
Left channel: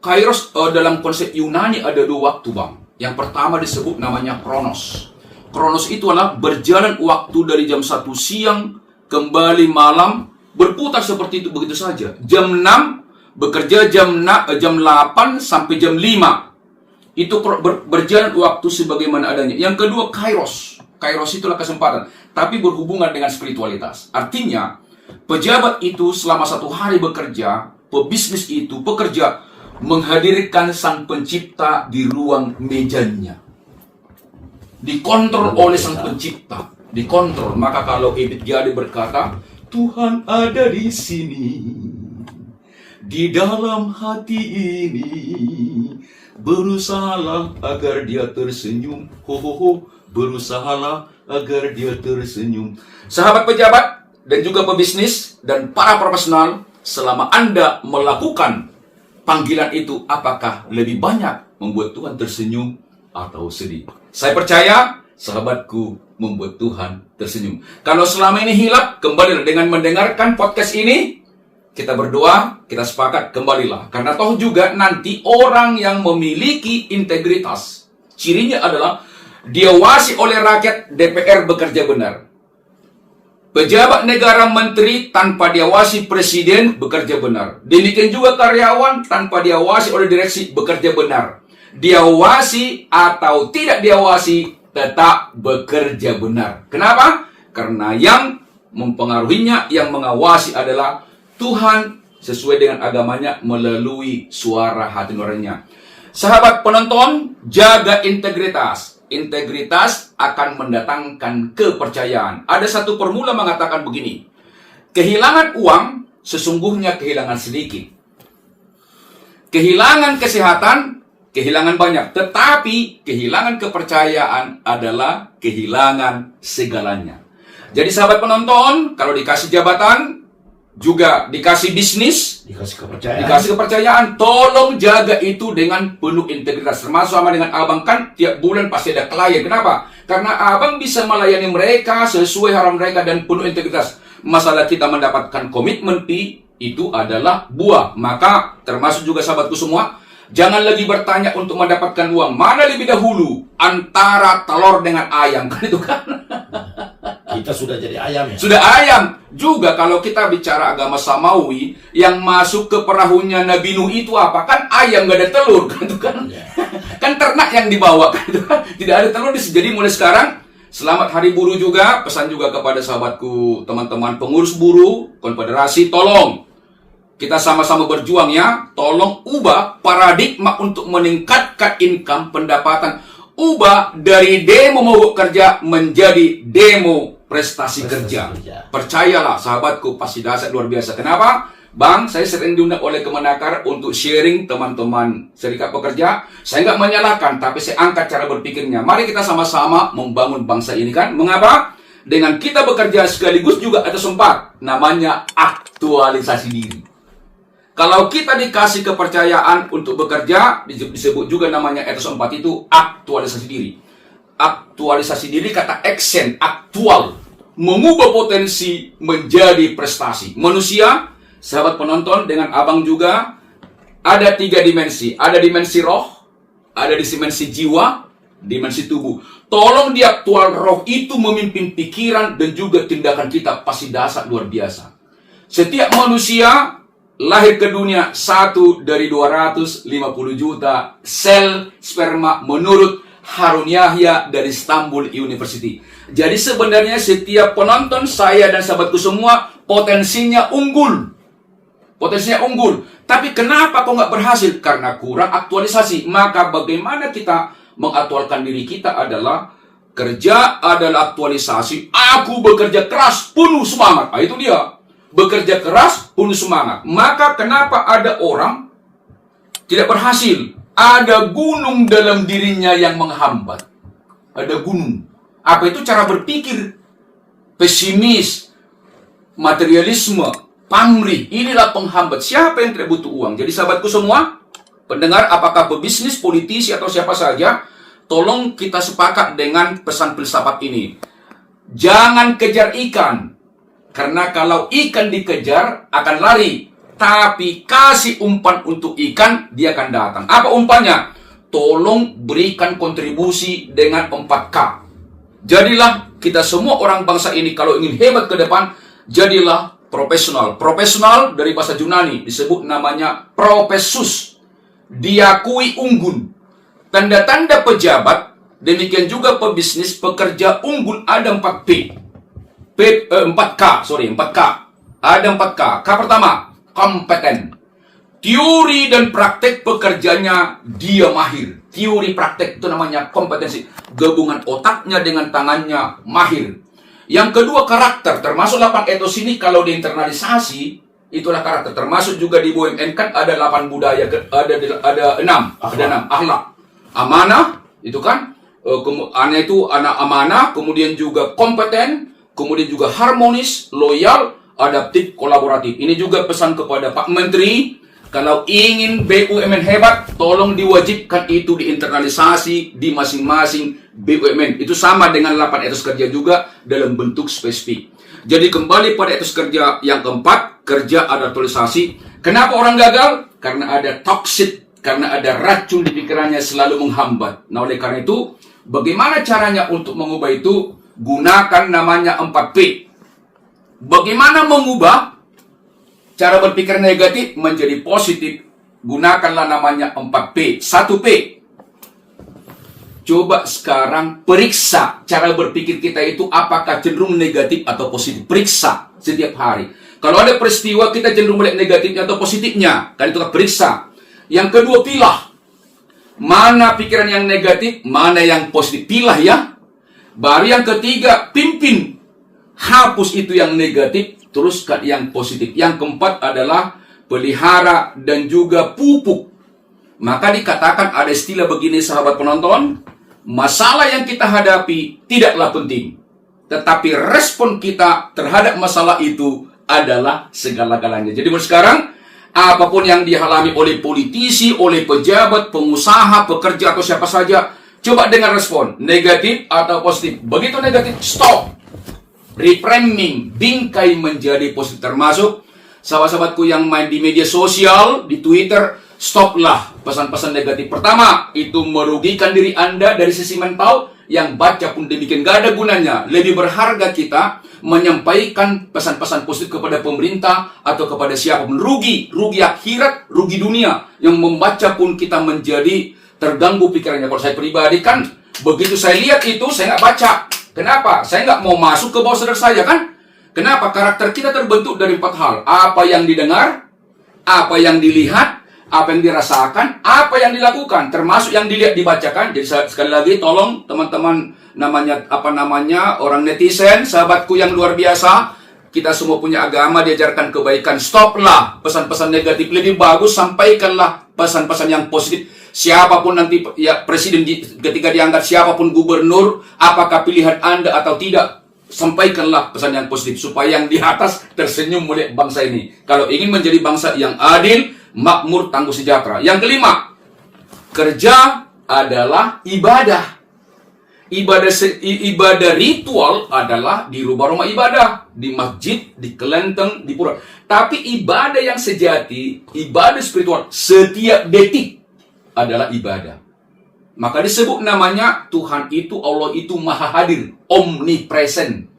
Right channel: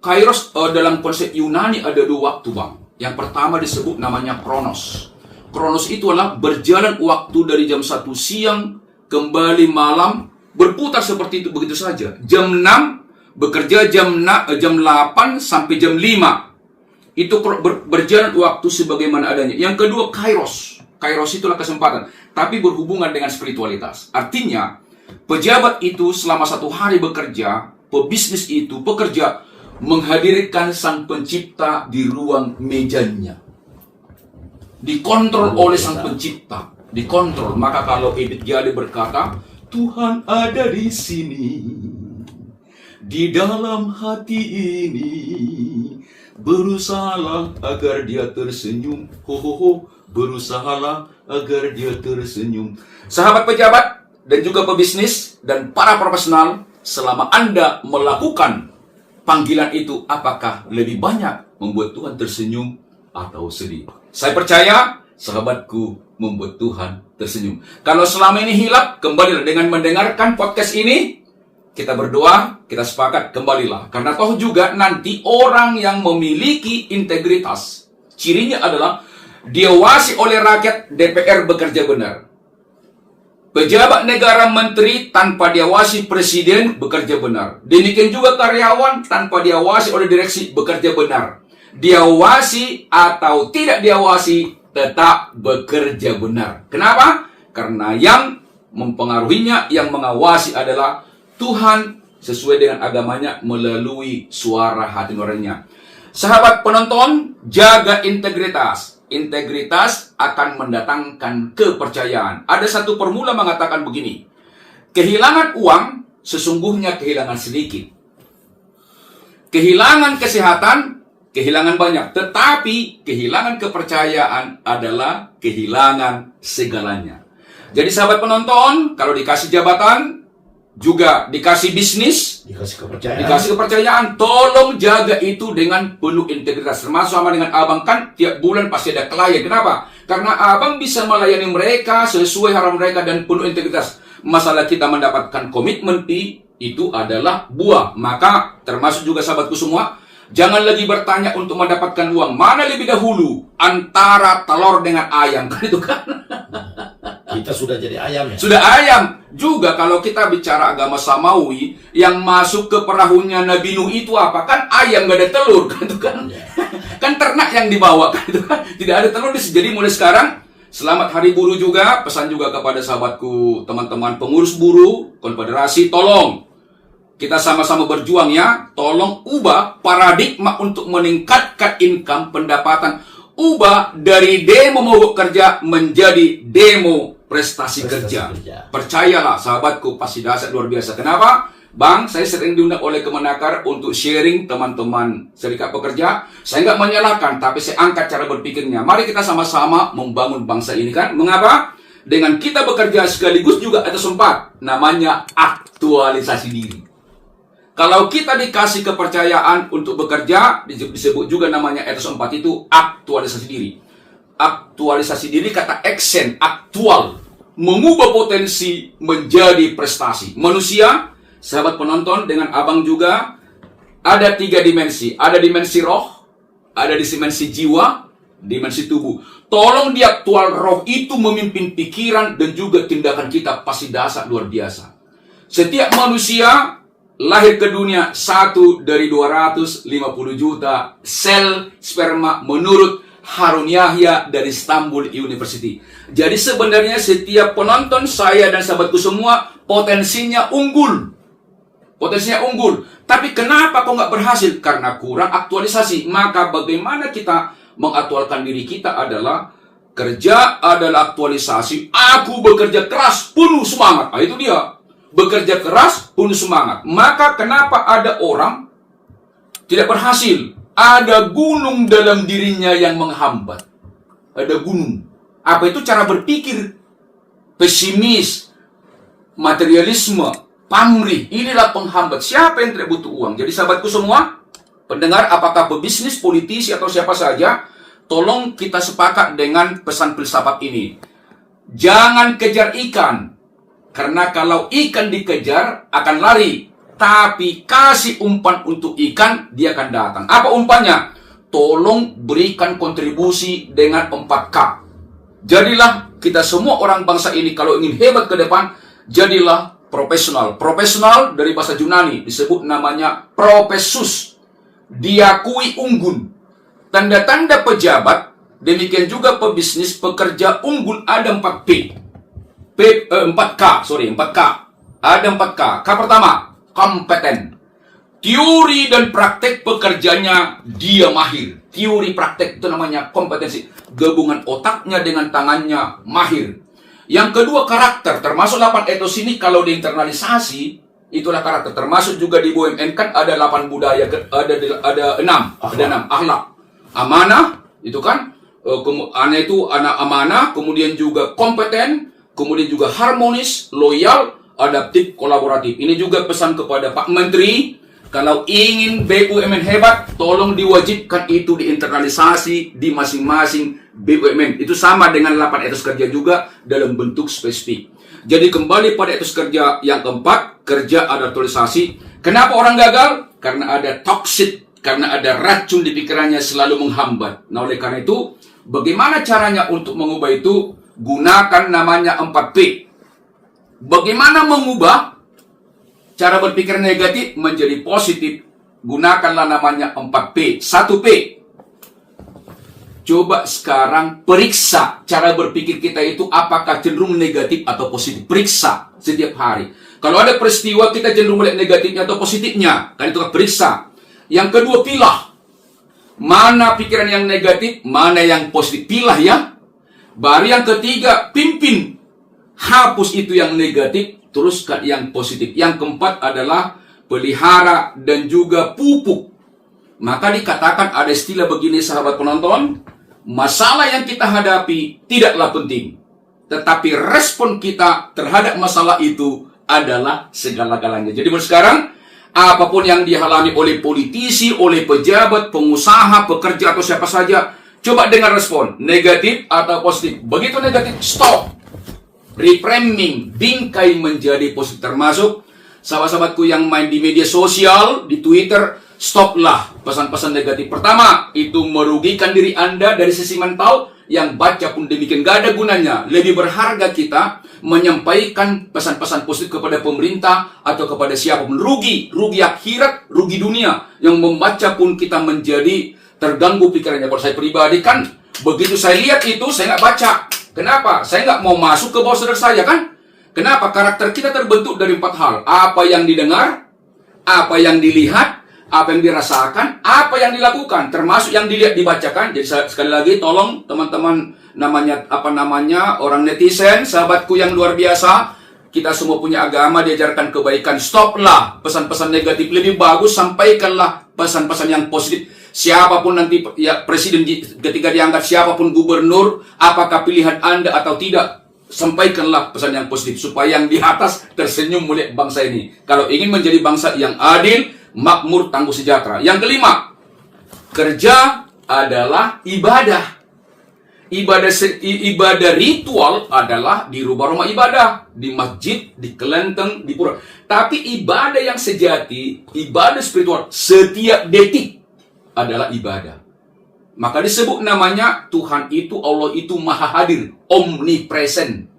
Kairos dalam konsep Yunani ada 2 waktu, Bang. Yang pertama disebut namanya kronos. Kronos itu adalah berjalan waktu dari jam 1 siang, kembali malam, berputar seperti itu begitu saja. Jam 6, bekerja jam 8 sampai jam 5. Itu berjalan waktu sebagaimana adanya. Yang kedua, kairos. Kairos itulah kesempatan, tapi berhubungan dengan spiritualitas. Artinya, pejabat itu selama 1 hari bekerja, pebisnis itu pekerja, menghadirkan sang pencipta di ruang mejanya. Dikontrol oleh sang pencipta. Dikontrol. Maka kalau Edith Jali berkata, Tuhan ada di sini, di dalam hati ini, berusahalah agar dia tersenyum. Berusahalah agar dia tersenyum. Sahabat pejabat dan juga pebisnis dan para profesional, selama Anda melakukan panggilan itu, apakah lebih banyak membuat Tuhan tersenyum atau sedih? Saya percaya, sahabatku, membuat Tuhan tersenyum. Kalau selama ini hilap, kembalilah dengan mendengarkan podcast ini. Kita berdoa, kita sepakat, kembalilah. Karena toh juga nanti orang yang memiliki integritas, cirinya adalah diawasi oleh rakyat, DPR bekerja benar. Pejabat negara, menteri tanpa diawasi presiden bekerja benar. Demikian juga karyawan tanpa diawasi oleh direksi bekerja benar. Diawasi atau tidak diawasi tetap bekerja benar. Kenapa? Karena yang mempengaruhinya, yang mengawasi adalah Tuhan sesuai dengan agamanya melalui suara hati nuraninya. Sahabat penonton, jaga integritas. Integritas akan mendatangkan kepercayaan. Ada satu formula mengatakan begini: kehilangan uang sesungguhnya kehilangan sedikit. Kehilangan kesehatan, kehilangan banyak. Tetapi kehilangan kepercayaan adalah kehilangan segalanya. Jadi sahabat penonton, kalau dikasih jabatan, juga dikasih bisnis, dikasih kepercayaan, tolong jaga itu dengan penuh integritas. Termasuk sama dengan abang, kan tiap bulan pasti ada klien. Kenapa? Karena abang bisa melayani mereka sesuai harapan mereka dan penuh integritas. Masalah kita mendapatkan komitmen fee, itu adalah buah. Maka termasuk juga sahabatku semua, jangan lagi bertanya untuk mendapatkan uang. Mana lebih dahulu antara telur dengan ayam? Kan itu kan. Kita sudah jadi ayam ya? Sudah ayam. Juga kalau kita bicara agama Samawi, yang masuk ke perahunya Nabi Nuh itu apa? Kan ayam, gak ada telur. Kan itu kan. Kan ternak yang dibawa. Kan itu kan. Tidak ada telur. Jadi mulai sekarang, selamat Hari Buruh juga. Pesan juga kepada sahabatku, teman-teman pengurus buruh, konfederasi, tolong kita sama-sama berjuang ya. Tolong ubah paradigma untuk meningkatkan income, pendapatan. Ubah dari demo mogok kerja menjadi demo prestasi kerja. Percayalah sahabatku, pasti dahsyat luar biasa. Kenapa? Bang, saya sering diundang oleh Kemenakar untuk sharing teman-teman serikat pekerja. Saya nggak menyalahkan, tapi saya angkat cara berpikirnya. Mari kita sama-sama membangun bangsa ini kan. Mengapa? Dengan kita bekerja sekaligus juga ada sempat. Namanya aktualisasi diri. Kalau kita dikasih kepercayaan untuk bekerja, disebut juga namanya etos 4 itu aktualisasi diri. Aktualisasi diri, kata action, aktual. mengubah potensi menjadi prestasi. Manusia, sahabat penonton, dengan abang juga, ada 3 dimensi. Ada dimensi roh, ada dimensi jiwa, dimensi tubuh. Tolong di aktual roh itu memimpin pikiran dan juga tindakan kita, pasti dahsyat luar biasa. Setiap manusia lahir ke dunia 1 dari 250 juta sel sperma menurut Harun Yahya dari Istanbul University. Jadi sebenarnya setiap penonton saya dan sahabatku semua potensinya unggul. Potensinya unggul. Tapi kenapa kok nggak berhasil? Karena kurang aktualisasi. Maka bagaimana kita mengaktualkan diri kita adalah kerja adalah aktualisasi. Aku bekerja keras, penuh semangat. Nah, itu dia. Bekerja keras, penuh semangat. Maka kenapa ada orang tidak berhasil? Ada gunung dalam dirinya yang menghambat. Ada gunung. Apa itu? Cara berpikir pesimis, materialisme, pamrih. Inilah penghambat. Siapa yang tidak butuh uang? Jadi sahabatku semua, pendengar, apakah pebisnis, politisi, atau siapa saja, tolong kita sepakat dengan pesan filsafat ini. Jangan kejar ikan. Karena kalau ikan dikejar, akan lari. Tapi kasih umpan untuk ikan, dia akan datang. Apa umpannya? Tolong berikan kontribusi dengan 4K. Jadilah kita semua orang bangsa ini, kalau ingin hebat ke depan, jadilah profesional. Profesional dari bahasa Yunani disebut namanya profesus. Diakui unggul. Tanda-tanda pejabat, demikian juga pebisnis, pekerja unggul ada 4P. 4K. Ada 4K. K pertama, kompeten. Teori dan praktek pekerjanya dia mahir. Teori praktek itu namanya kompetensi. Gabungan otaknya dengan tangannya mahir. Yang kedua, karakter. Termasuk 8 etos ini kalau diinternalisasi, itulah karakter. Termasuk juga di BUMN kan ada 8 budaya, ada 6 akhlak. Amanah, itu kan. Itu anak amanah, kemudian juga kompeten, kemudian juga harmonis, loyal, adaptif, kolaboratif. Ini juga pesan kepada Pak Menteri, kalau ingin BUMN hebat, tolong diwajibkan itu diinternalisasi di masing-masing BUMN. Itu sama dengan 8 etos kerja juga dalam bentuk spesifik. Jadi kembali pada etos kerja yang keempat, kerja adaptasi. Kenapa orang gagal? Karena ada toxic, karena ada racun di pikirannya selalu menghambat. Nah, oleh karena itu, bagaimana caranya untuk mengubah itu? Gunakan namanya 4P. Bagaimana mengubah cara berpikir negatif menjadi positif? Gunakanlah namanya 4P. 1P. Coba sekarang periksa cara berpikir kita itu apakah cenderung negatif atau positif. Periksa setiap hari. Kalau ada peristiwa kita cenderung melihat negatifnya atau positifnya. Kan itu periksa. Yang kedua, pilah. Mana pikiran yang negatif, mana yang positif. Pilah ya. Baru yang ketiga, pimpin. Hapus itu yang negatif, teruskan yang positif. Yang keempat adalah pelihara dan juga pupuk. Maka dikatakan ada istilah begini sahabat penonton, masalah yang kita hadapi tidaklah penting. Tetapi respon kita terhadap masalah itu adalah segala-galanya. Jadi sekarang, apapun yang dialami oleh politisi, oleh pejabat, pengusaha, pekerja, atau siapa saja, coba dengar respon, negatif atau positif. Begitu negatif, stop. Reframing, bingkai menjadi positif. Termasuk sahabat-sahabatku yang main di media sosial, di Twitter, stoplah pesan-pesan negatif. Pertama, itu merugikan diri Anda dari sisi mental, yang baca pun demikian, gak ada gunanya. Lebih berharga kita menyampaikan pesan-pesan positif kepada pemerintah atau kepada siapapun. Rugi akhirat, rugi dunia. Yang membaca pun kita menjadi terganggu pikirannya. Kalau saya pribadi kan, begitu saya lihat itu, saya nggak baca. Kenapa? Saya nggak mau masuk ke bawah sadar saya kan? Kenapa? Karakter kita terbentuk dari 4 hal. Apa yang didengar, apa yang dilihat, apa yang dirasakan, apa yang dilakukan, termasuk yang dilihat dibacakan. Jadi sekali lagi tolong teman-teman orang netizen, sahabatku yang luar biasa, kita semua punya agama, diajarkan kebaikan. Stoplah pesan-pesan negatif. Lebih bagus sampaikanlah pesan-pesan yang positif. Siapapun nanti ya presiden ketika diangkat, siapapun gubernur, apakah pilihan Anda atau tidak, sampaikanlah pesan yang positif supaya yang di atas tersenyum melihat bangsa ini. Kalau ingin menjadi bangsa yang adil, makmur, tangguh, sejahtera. Yang kelima, kerja adalah ibadah. Ibadah ritual adalah di rumah-rumah ibadah, di masjid, di kelenteng, di pura. Tapi ibadah yang sejati, ibadah spiritual, setiap detik adalah ibadah. Maka disebut namanya Tuhan itu, Allah itu maha hadir, omnipresent.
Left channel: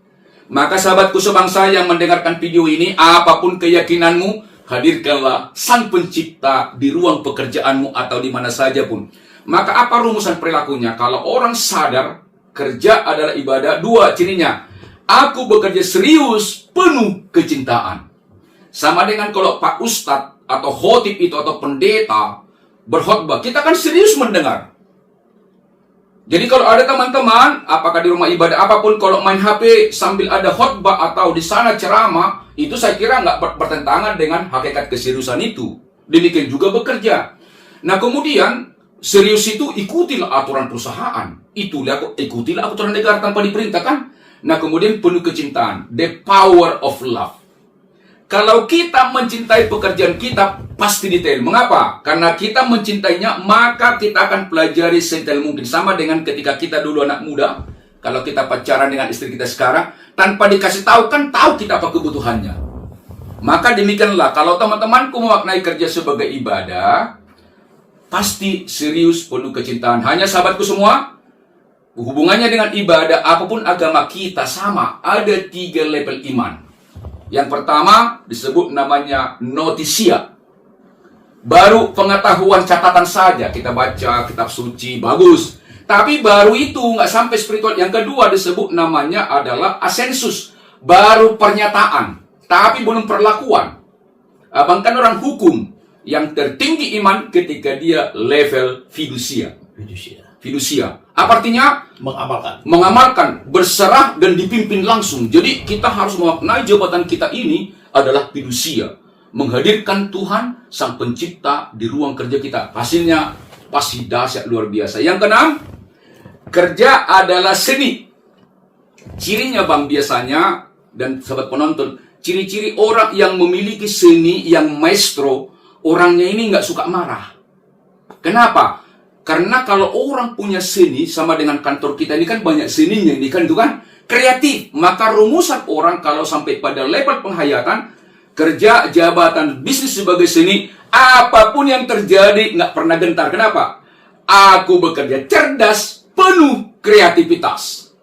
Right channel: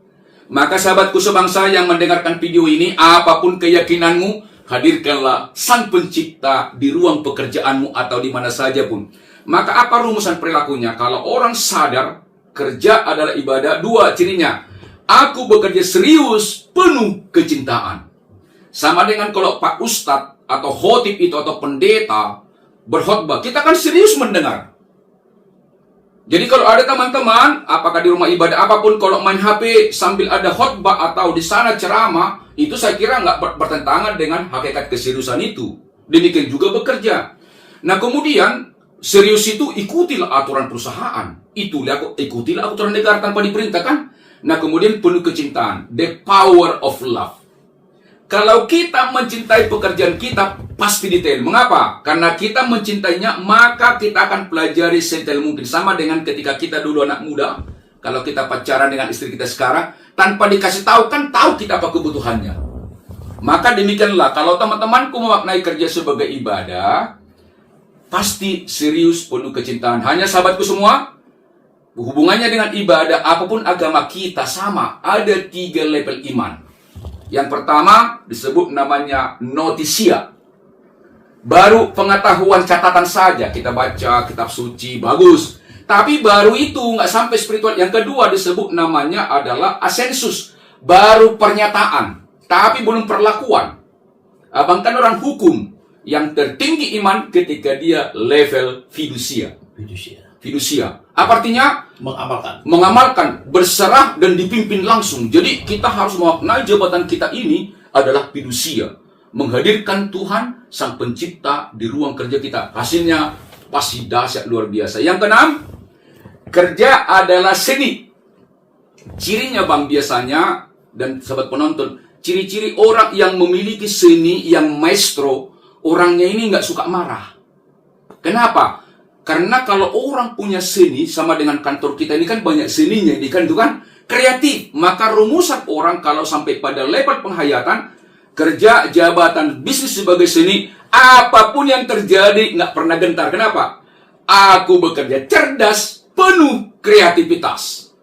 Maka sahabatku sebangsa yang mendengarkan video ini, apapun keyakinanmu, hadirkanlah Sang Pencipta di ruang pekerjaanmu atau di mana saja pun. Maka apa rumusan perilakunya? Kalau orang sadar kerja adalah ibadah, dua cirinya. Aku bekerja serius, penuh kecintaan. Sama dengan kalau Pak Ustadz atau khotib itu atau pendeta berkhotbah, kita kan serius mendengar. Jadi kalau ada teman-teman, apakah di rumah ibadah apapun, kalau main HP sambil ada khotbah atau di sana ceramah, itu saya kira nggak bertentangan dengan hakikat keseriusan itu. Demikian juga bekerja. Nah kemudian, serius itu ikutilah aturan perusahaan. Ikutilah aturan negara tanpa diperintahkan. Nah kemudian penuh kecintaan. The power of love. Kalau kita mencintai pekerjaan kita, pasti detail. Mengapa? Karena kita mencintainya, maka kita akan pelajari sedetail mungkin. Sama dengan ketika kita dulu anak muda, kalau kita pacaran dengan istri kita sekarang, tanpa dikasih tahu, kan tahu kita apa kebutuhannya. Maka demikianlah, kalau teman-temanku memaknai kerja sebagai ibadah, pasti serius, penuh kecintaan. Hanya sahabatku semua, hubungannya dengan ibadah, apapun agama kita sama. Ada 3 level iman. Yang pertama disebut namanya notisia. Baru pengetahuan catatan saja. Kita baca kitab suci, bagus. Tapi baru itu nggak sampai spiritual. Yang kedua disebut namanya adalah asensus. Baru pernyataan, tapi belum perlakuan. Abang kan orang hukum. Yang tertinggi iman ketika dia level fidusia. Fidusia. Apa artinya? Mengamalkan, berserah dan dipimpin langsung. Jadi kita harus memaknai jabatan kita ini adalah fidusia. Menghadirkan Tuhan, Sang Pencipta di ruang kerja kita. Hasilnya pasti dahsyat luar biasa. Yang keenam, kerja adalah seni. Cirinya bang biasanya, dan sahabat penonton, ciri-ciri orang yang memiliki seni, yang maestro, orangnya ini nggak suka marah. Kenapa? Karena kalau orang punya seni, sama dengan kantor kita ini kan banyak seninya, ini kan itu kan kreatif. Maka rumusan orang kalau sampai pada level penghayatan, kerja, jabatan, bisnis sebagai seni, apapun yang terjadi nggak pernah gentar. Kenapa? Aku bekerja cerdas, penuh kreativitas.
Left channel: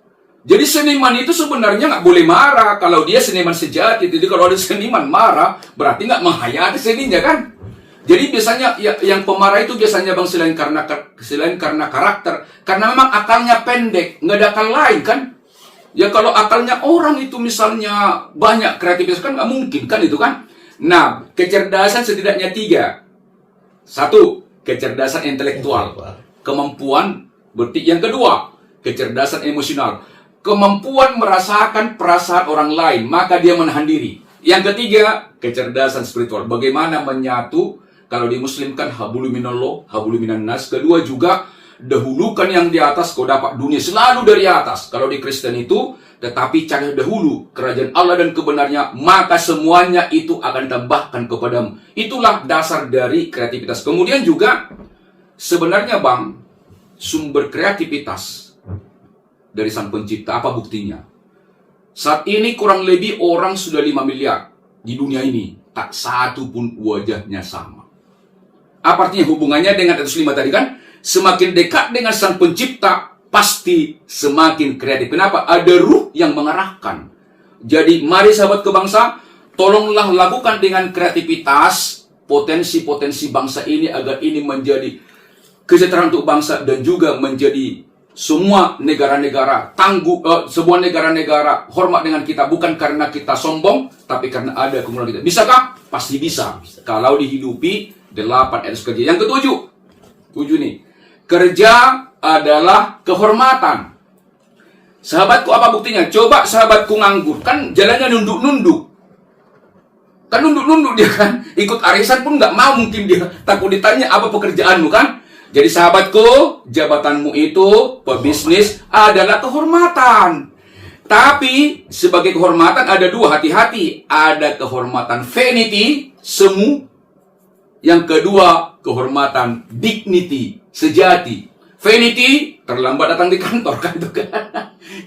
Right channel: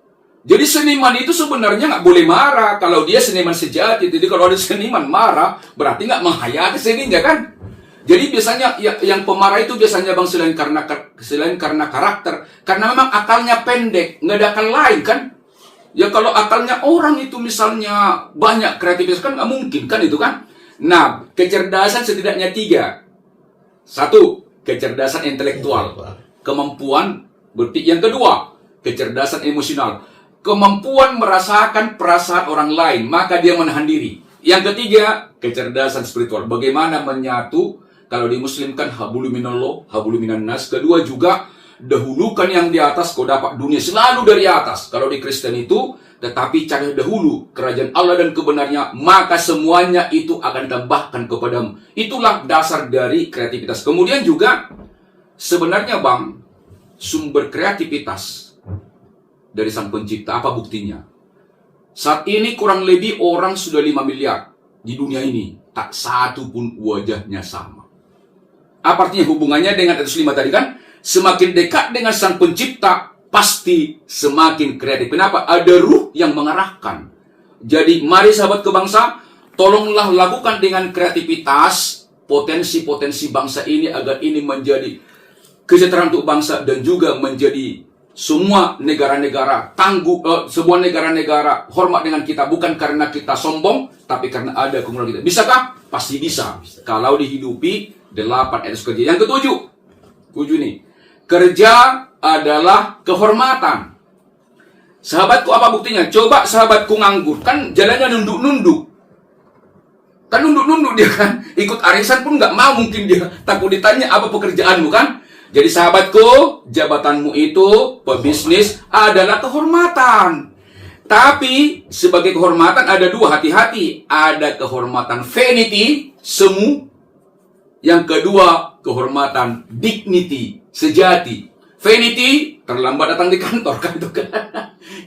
Jadi seniman itu sebenarnya nggak boleh marah kalau dia seniman sejati. Jadi kalau ada seniman marah, berarti nggak menghayati seninya kan? Jadi biasanya yang pemarah itu biasanya bang selain karena karakter, karena memang akalnya pendek, nggak ada akal lain kan? Ya kalau akalnya orang itu misalnya banyak kreativitas kan nggak mungkin kan itu kan? Nah kecerdasan setidaknya 3. 1, kecerdasan intelektual, kemampuan berpikir. Yang kedua, kecerdasan emosional, kemampuan merasakan perasaan orang lain, maka dia menahan diri. Yang ketiga, kecerdasan spiritual, bagaimana menyatu. Kalau di Muslim kan hablu minallah, hablu minan nas. Kedua juga, dahulukan yang di atas, kau dapat dunia selalu dari atas. Kalau di Kristen itu, tetapi cari dahulu kerajaan Allah dan kebenarnya, maka semuanya itu akan ditambahkan kepadamu. Itulah dasar dari kreativitas. Kemudian juga, sebenarnya bang, sumber kreativitas dari Sang Pencipta, apa buktinya? Saat ini kurang lebih orang sudah 5 miliar di dunia ini. Tak satu pun wajahnya sama. Apa artinya hubungannya dengan atas 5 tadi kan? Semakin dekat dengan Sang Pencipta, pasti semakin kreatif. Kenapa? Ada ruh yang mengarahkan. Jadi mari sahabat kebangsa, tolonglah lakukan dengan kreativitas potensi-potensi bangsa ini agar ini menjadi kesejahteraan untuk bangsa dan juga menjadi semua negara-negara semua negara-negara hormat dengan kita, bukan karena kita sombong, tapi karena ada kemuliaan kita. Bisakah? Pasti bisa. Kalau dihidupi 8 etos kerja. Yang ke-7 nih, kerja adalah kehormatan. Sahabatku, apa buktinya? Coba sahabatku nganggur, kan jalannya nunduk-nunduk. Kan nunduk-nunduk dia kan, ikut arisan pun nggak mau, mungkin dia takut ditanya apa pekerjaanmu kan. Jadi sahabatku, jabatanmu itu pebisnis adalah kehormatan. Tapi sebagai kehormatan ada 2, hati-hati. Ada kehormatan vanity, semu. Yang kedua, kehormatan dignity, sejati. Vanity terlambat datang di kantor kan itu kan.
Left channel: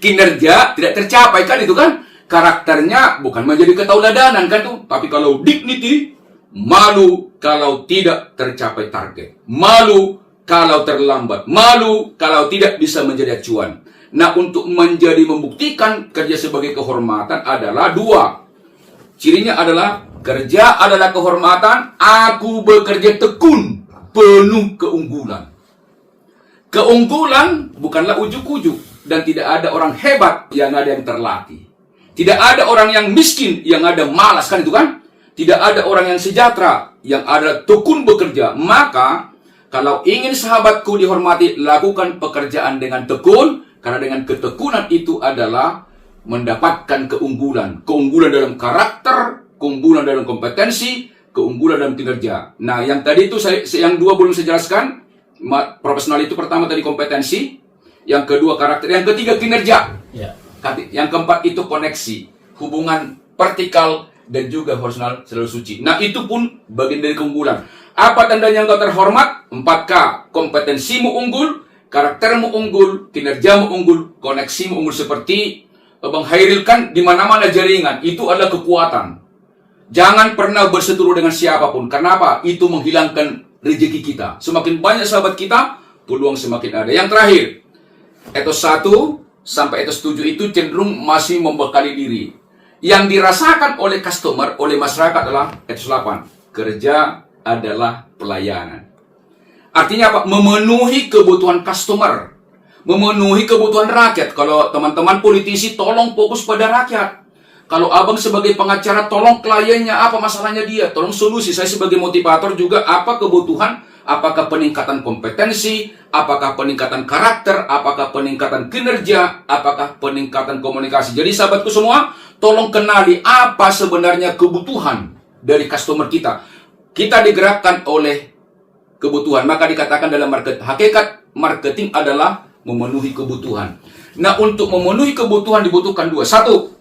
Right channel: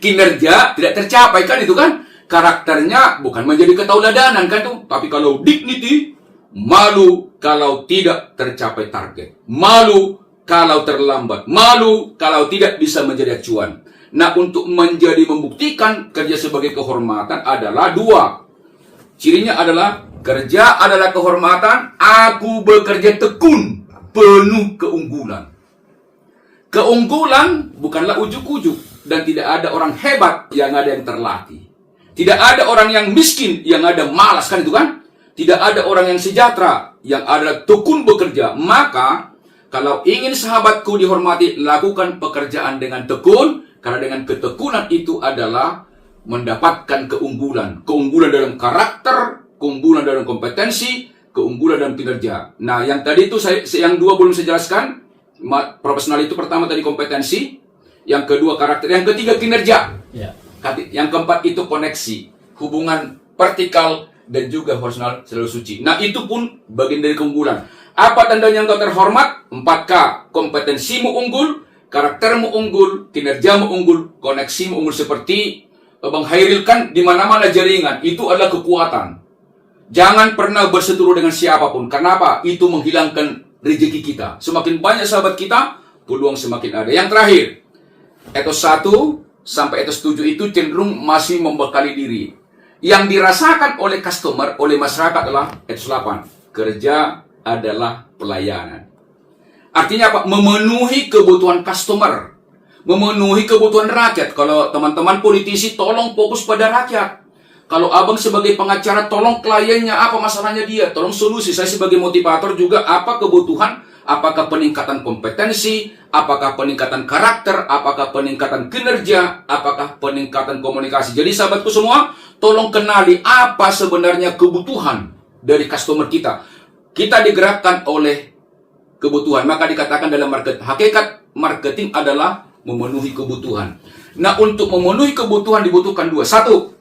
Kinerja tidak tercapai kan itu kan. Karakternya bukan menjadi ketauladanan kan tuh, tapi kalau dignity, malu kalau tidak tercapai target, malu kalau terlambat, malu kalau tidak bisa menjadi acuan. Nah, untuk membuktikan kerja sebagai kehormatan adalah dua. Cirinya adalah kerja adalah kehormatan, aku bekerja tekun, penuh keunggulan. Keunggulan bukanlah ujuk-ujuk, dan tidak ada orang hebat yang ada yang terlatih. Tidak ada orang yang miskin yang ada malas kan itu kan? Tidak ada orang yang sejahtera yang ada tekun bekerja. Maka kalau ingin sahabatku dihormati, lakukan pekerjaan dengan tekun, karena dengan ketekunan itu adalah mendapatkan keunggulan. Keunggulan dalam karakter, keunggulan dalam kompetensi, keunggulan dalam kinerja. Nah, yang tadi itu yang dua belum saya jelaskan. Profesional itu pertama tadi kompetensi, yang kedua karakter, yang ketiga kinerja. Ya. Yang keempat itu koneksi, hubungan vertikal dan juga horizontal selalu suci. Nah, itu pun bagian dari keunggulan. Apa tandanya engkau terhormat? 4K. Kompetensimu unggul, karaktermu unggul, kinerjamu unggul, koneksimu unggul. Seperti Bang Hairil kan di mana-mana jaringan, itu adalah kekuatan. Jangan pernah berseteru dengan siapapun. Kenapa? Itu menghilangkan rezeki kita. Semakin banyak sahabat kita, peluang semakin ada. Yang terakhir, etos 1 sampai etos 7 itu cenderung masih membekali diri. Yang dirasakan oleh customer, oleh masyarakat adalah etos 8. Kerja adalah pelayanan. Artinya apa? Memenuhi kebutuhan customer. Memenuhi kebutuhan rakyat. Kalau teman-teman politisi, tolong fokus pada rakyat. Kalau abang sebagai pengacara, tolong kliennya apa masalahnya dia. Tolong solusi. Saya sebagai motivator juga apa kebutuhan. Apakah peningkatan kompetensi, apakah peningkatan karakter, apakah peningkatan kinerja, apakah peningkatan komunikasi. Jadi sahabatku semua, tolong kenali apa sebenarnya kebutuhan dari customer kita. Kita digerakkan oleh kebutuhan. Maka dikatakan dalam hakikat marketing adalah memenuhi kebutuhan. Nah, untuk memenuhi kebutuhan dibutuhkan dua. Satu,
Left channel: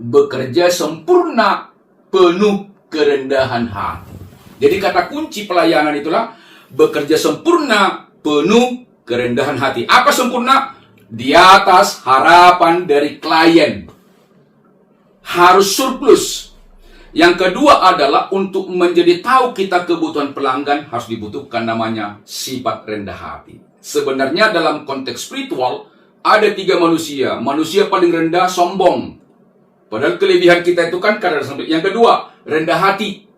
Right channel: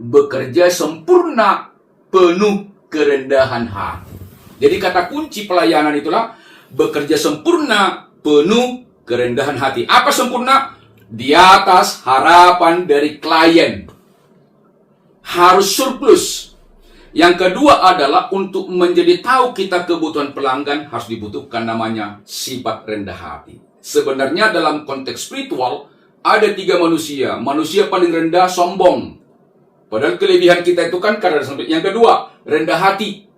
bekerja sempurna, penuh kerendahan hati. Jadi kata kunci pelayanan itulah bekerja sempurna, penuh kerendahan hati. Apa sempurna? Di atas harapan dari klien. Harus surplus. Yang kedua adalah untuk menjadi tahu kita kebutuhan pelanggan harus dibutuhkan namanya sifat rendah hati. Sebenarnya dalam konteks spiritual ada 3 manusia. Manusia paling rendah sombong. Padahal kelebihan kita itu kan karena sombong. Yang kedua, rendah hati.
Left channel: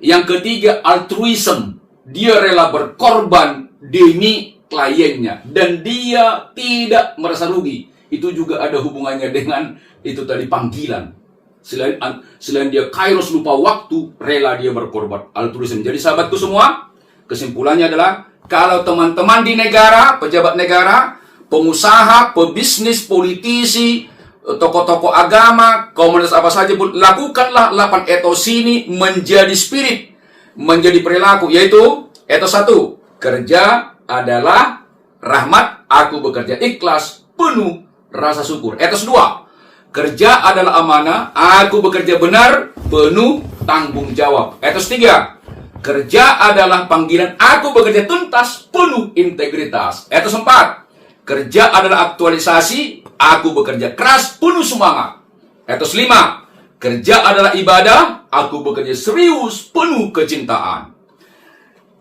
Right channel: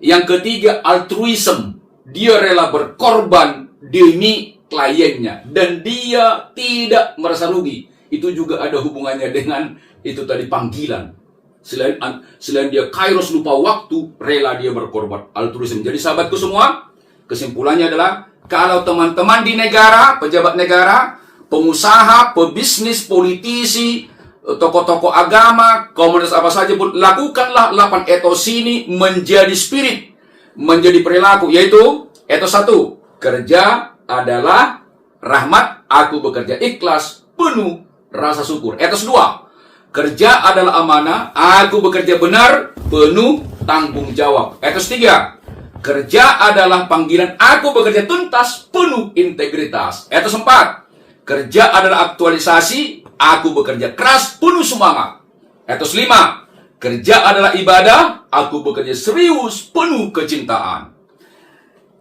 Yang ketiga, altruism. Dia rela berkorban demi kliennya. Dan dia tidak merasa rugi. Itu juga ada hubungannya dengan itu tadi panggilan. Selain dia kairos lupa waktu, rela dia berkorban. Altruism. Jadi sahabatku semua, kesimpulannya adalah, kalau teman-teman di negara, pejabat negara, pengusaha, pebisnis, politisi, tokoh-tokoh agama, komunitas apa saja pun, lakukanlah 8 etos ini menjadi spirit, menjadi perilaku, yaitu etos 1, kerja adalah rahmat, aku bekerja ikhlas, penuh rasa syukur. Etos 2, kerja adalah amanah, aku bekerja benar, penuh tanggung jawab. Etos 3, kerja adalah panggilan, aku bekerja tuntas, penuh integritas. Etos 4, kerja adalah aktualisasi, aku bekerja keras, penuh semangat. Etos 5, kerja adalah ibadah, aku bekerja serius, penuh kecintaan.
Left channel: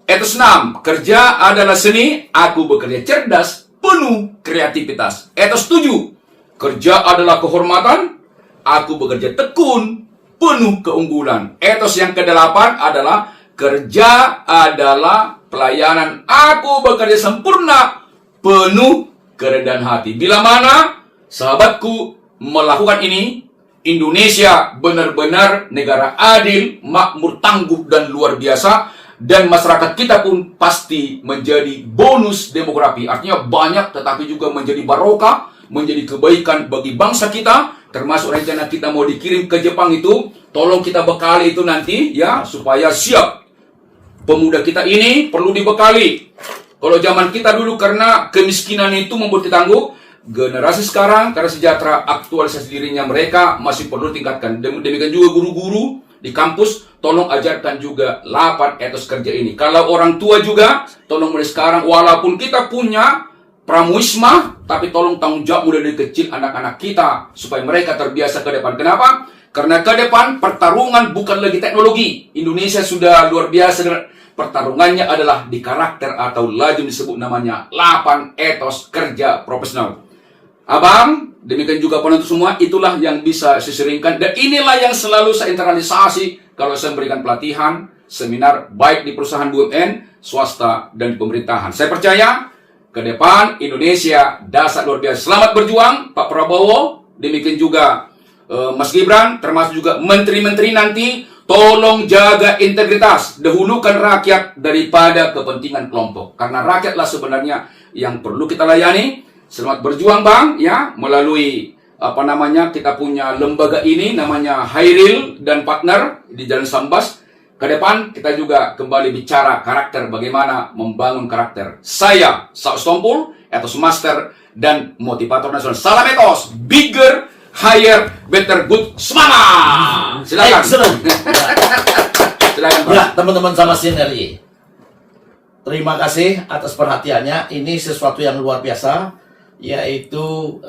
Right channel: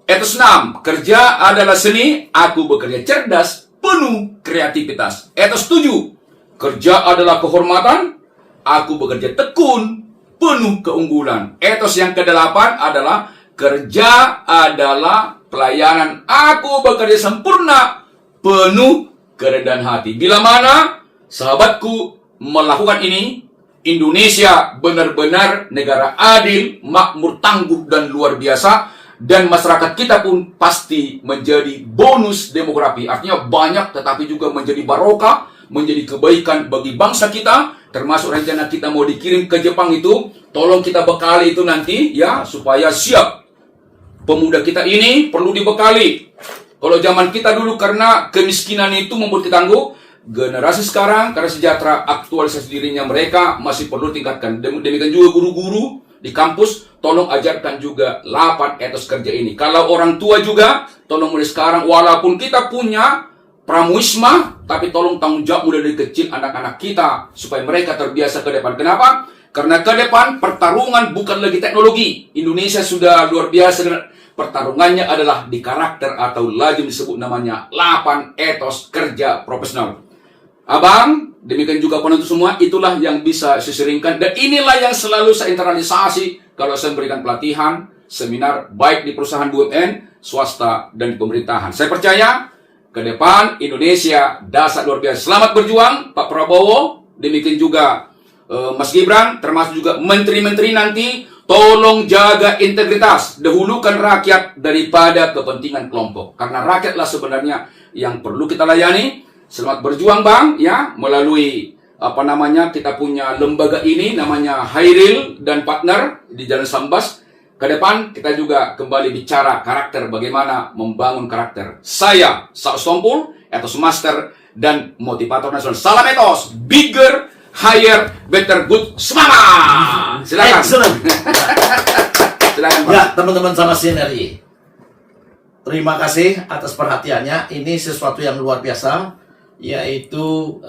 Etos 6, kerja adalah seni, aku bekerja cerdas, penuh kreativitas. Etos 7, kerja adalah kehormatan, aku bekerja tekun, penuh keunggulan. Etos yang ke-8 adalah kerja adalah pelayanan, aku bekerja sempurna, penuh kerendahan hati. Bila mana sahabatku melakukan ini, Indonesia benar-benar negara adil, makmur, tangguh, dan luar biasa. Dan masyarakat kita pun pasti menjadi bonus demografi. Artinya banyak, tetapi juga menjadi barokah, menjadi kebaikan bagi bangsa kita. Termasuk rencana kita mau dikirim ke Jepang itu, tolong kita bekali itu nanti ya, supaya siap. Pemuda kita ini perlu dibekali. Kalau zaman kita dulu karena kemiskinan itu membuat kita tangguh, generasi sekarang karena sejahtera, aktualisasi dirinya mereka masih perlu tingkatkan. Demikian juga guru-guru di kampus, tolong ajarkan juga 8 etos kerja ini. Kalau orang tua juga, tolong mulai sekarang, walaupun kita punya pramuisma, tapi tolong tanggung jawab mulai dari kecil anak-anak kita supaya mereka terbiasa ke depan. Kenapa? Karena ke depan pertarungan bukan lagi teknologi. Indonesia sudah luar biasa dengan pertarungannya adalah di karakter atau laju disebut namanya 8 etos kerja profesional. Abang, demikian juga penonton semua, itulah yang bisa saya seringkan. Dan inilah yang selalu saya internalisasi kalau saya memberikan pelatihan, seminar, baik di perusahaan BUMN, swasta, dan pemerintahan. Saya percaya, ke depan Indonesia dasar luar biasa. Selamat berjuang, Pak Prabowo, demikian juga Mas Gibran, termasuk juga menteri-menteri nanti, tolong jaga integritas, dahulukan rakyat daripada kepentingan kelompok. Karena rakyatlah sebenarnya yang perlu kita layani. Selamat berjuang Bang, ya, melalui kita punya lembaga ini namanya Hairil dan partner di Jalan Sambas. Ke depan kita juga kembali bicara karakter, bagaimana membangun karakter. Saya Saus Tompul, etos master dan motivator nasional. Salam etos, bigger, higher, better, good, semangat. Silakan. Silakan Pak. Ya, teman-teman sama Sinergi. Terima kasih atas perhatiannya. Ini sesuatu yang luar biasa, yaitu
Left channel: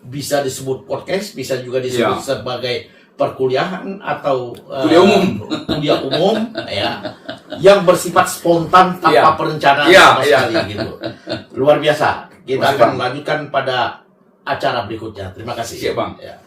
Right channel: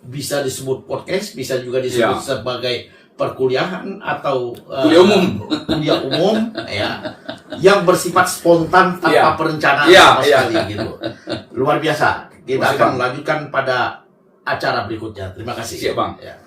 bisa disebut podcast, bisa juga disebut sebagai perkuliahan atau kuliah umum ya, yang bersifat spontan tanpa perencanaan sama sekali gitu. Luar biasa. Kita akan lanjutkan pada acara berikutnya. Terima kasih. Siap Bang. Ya.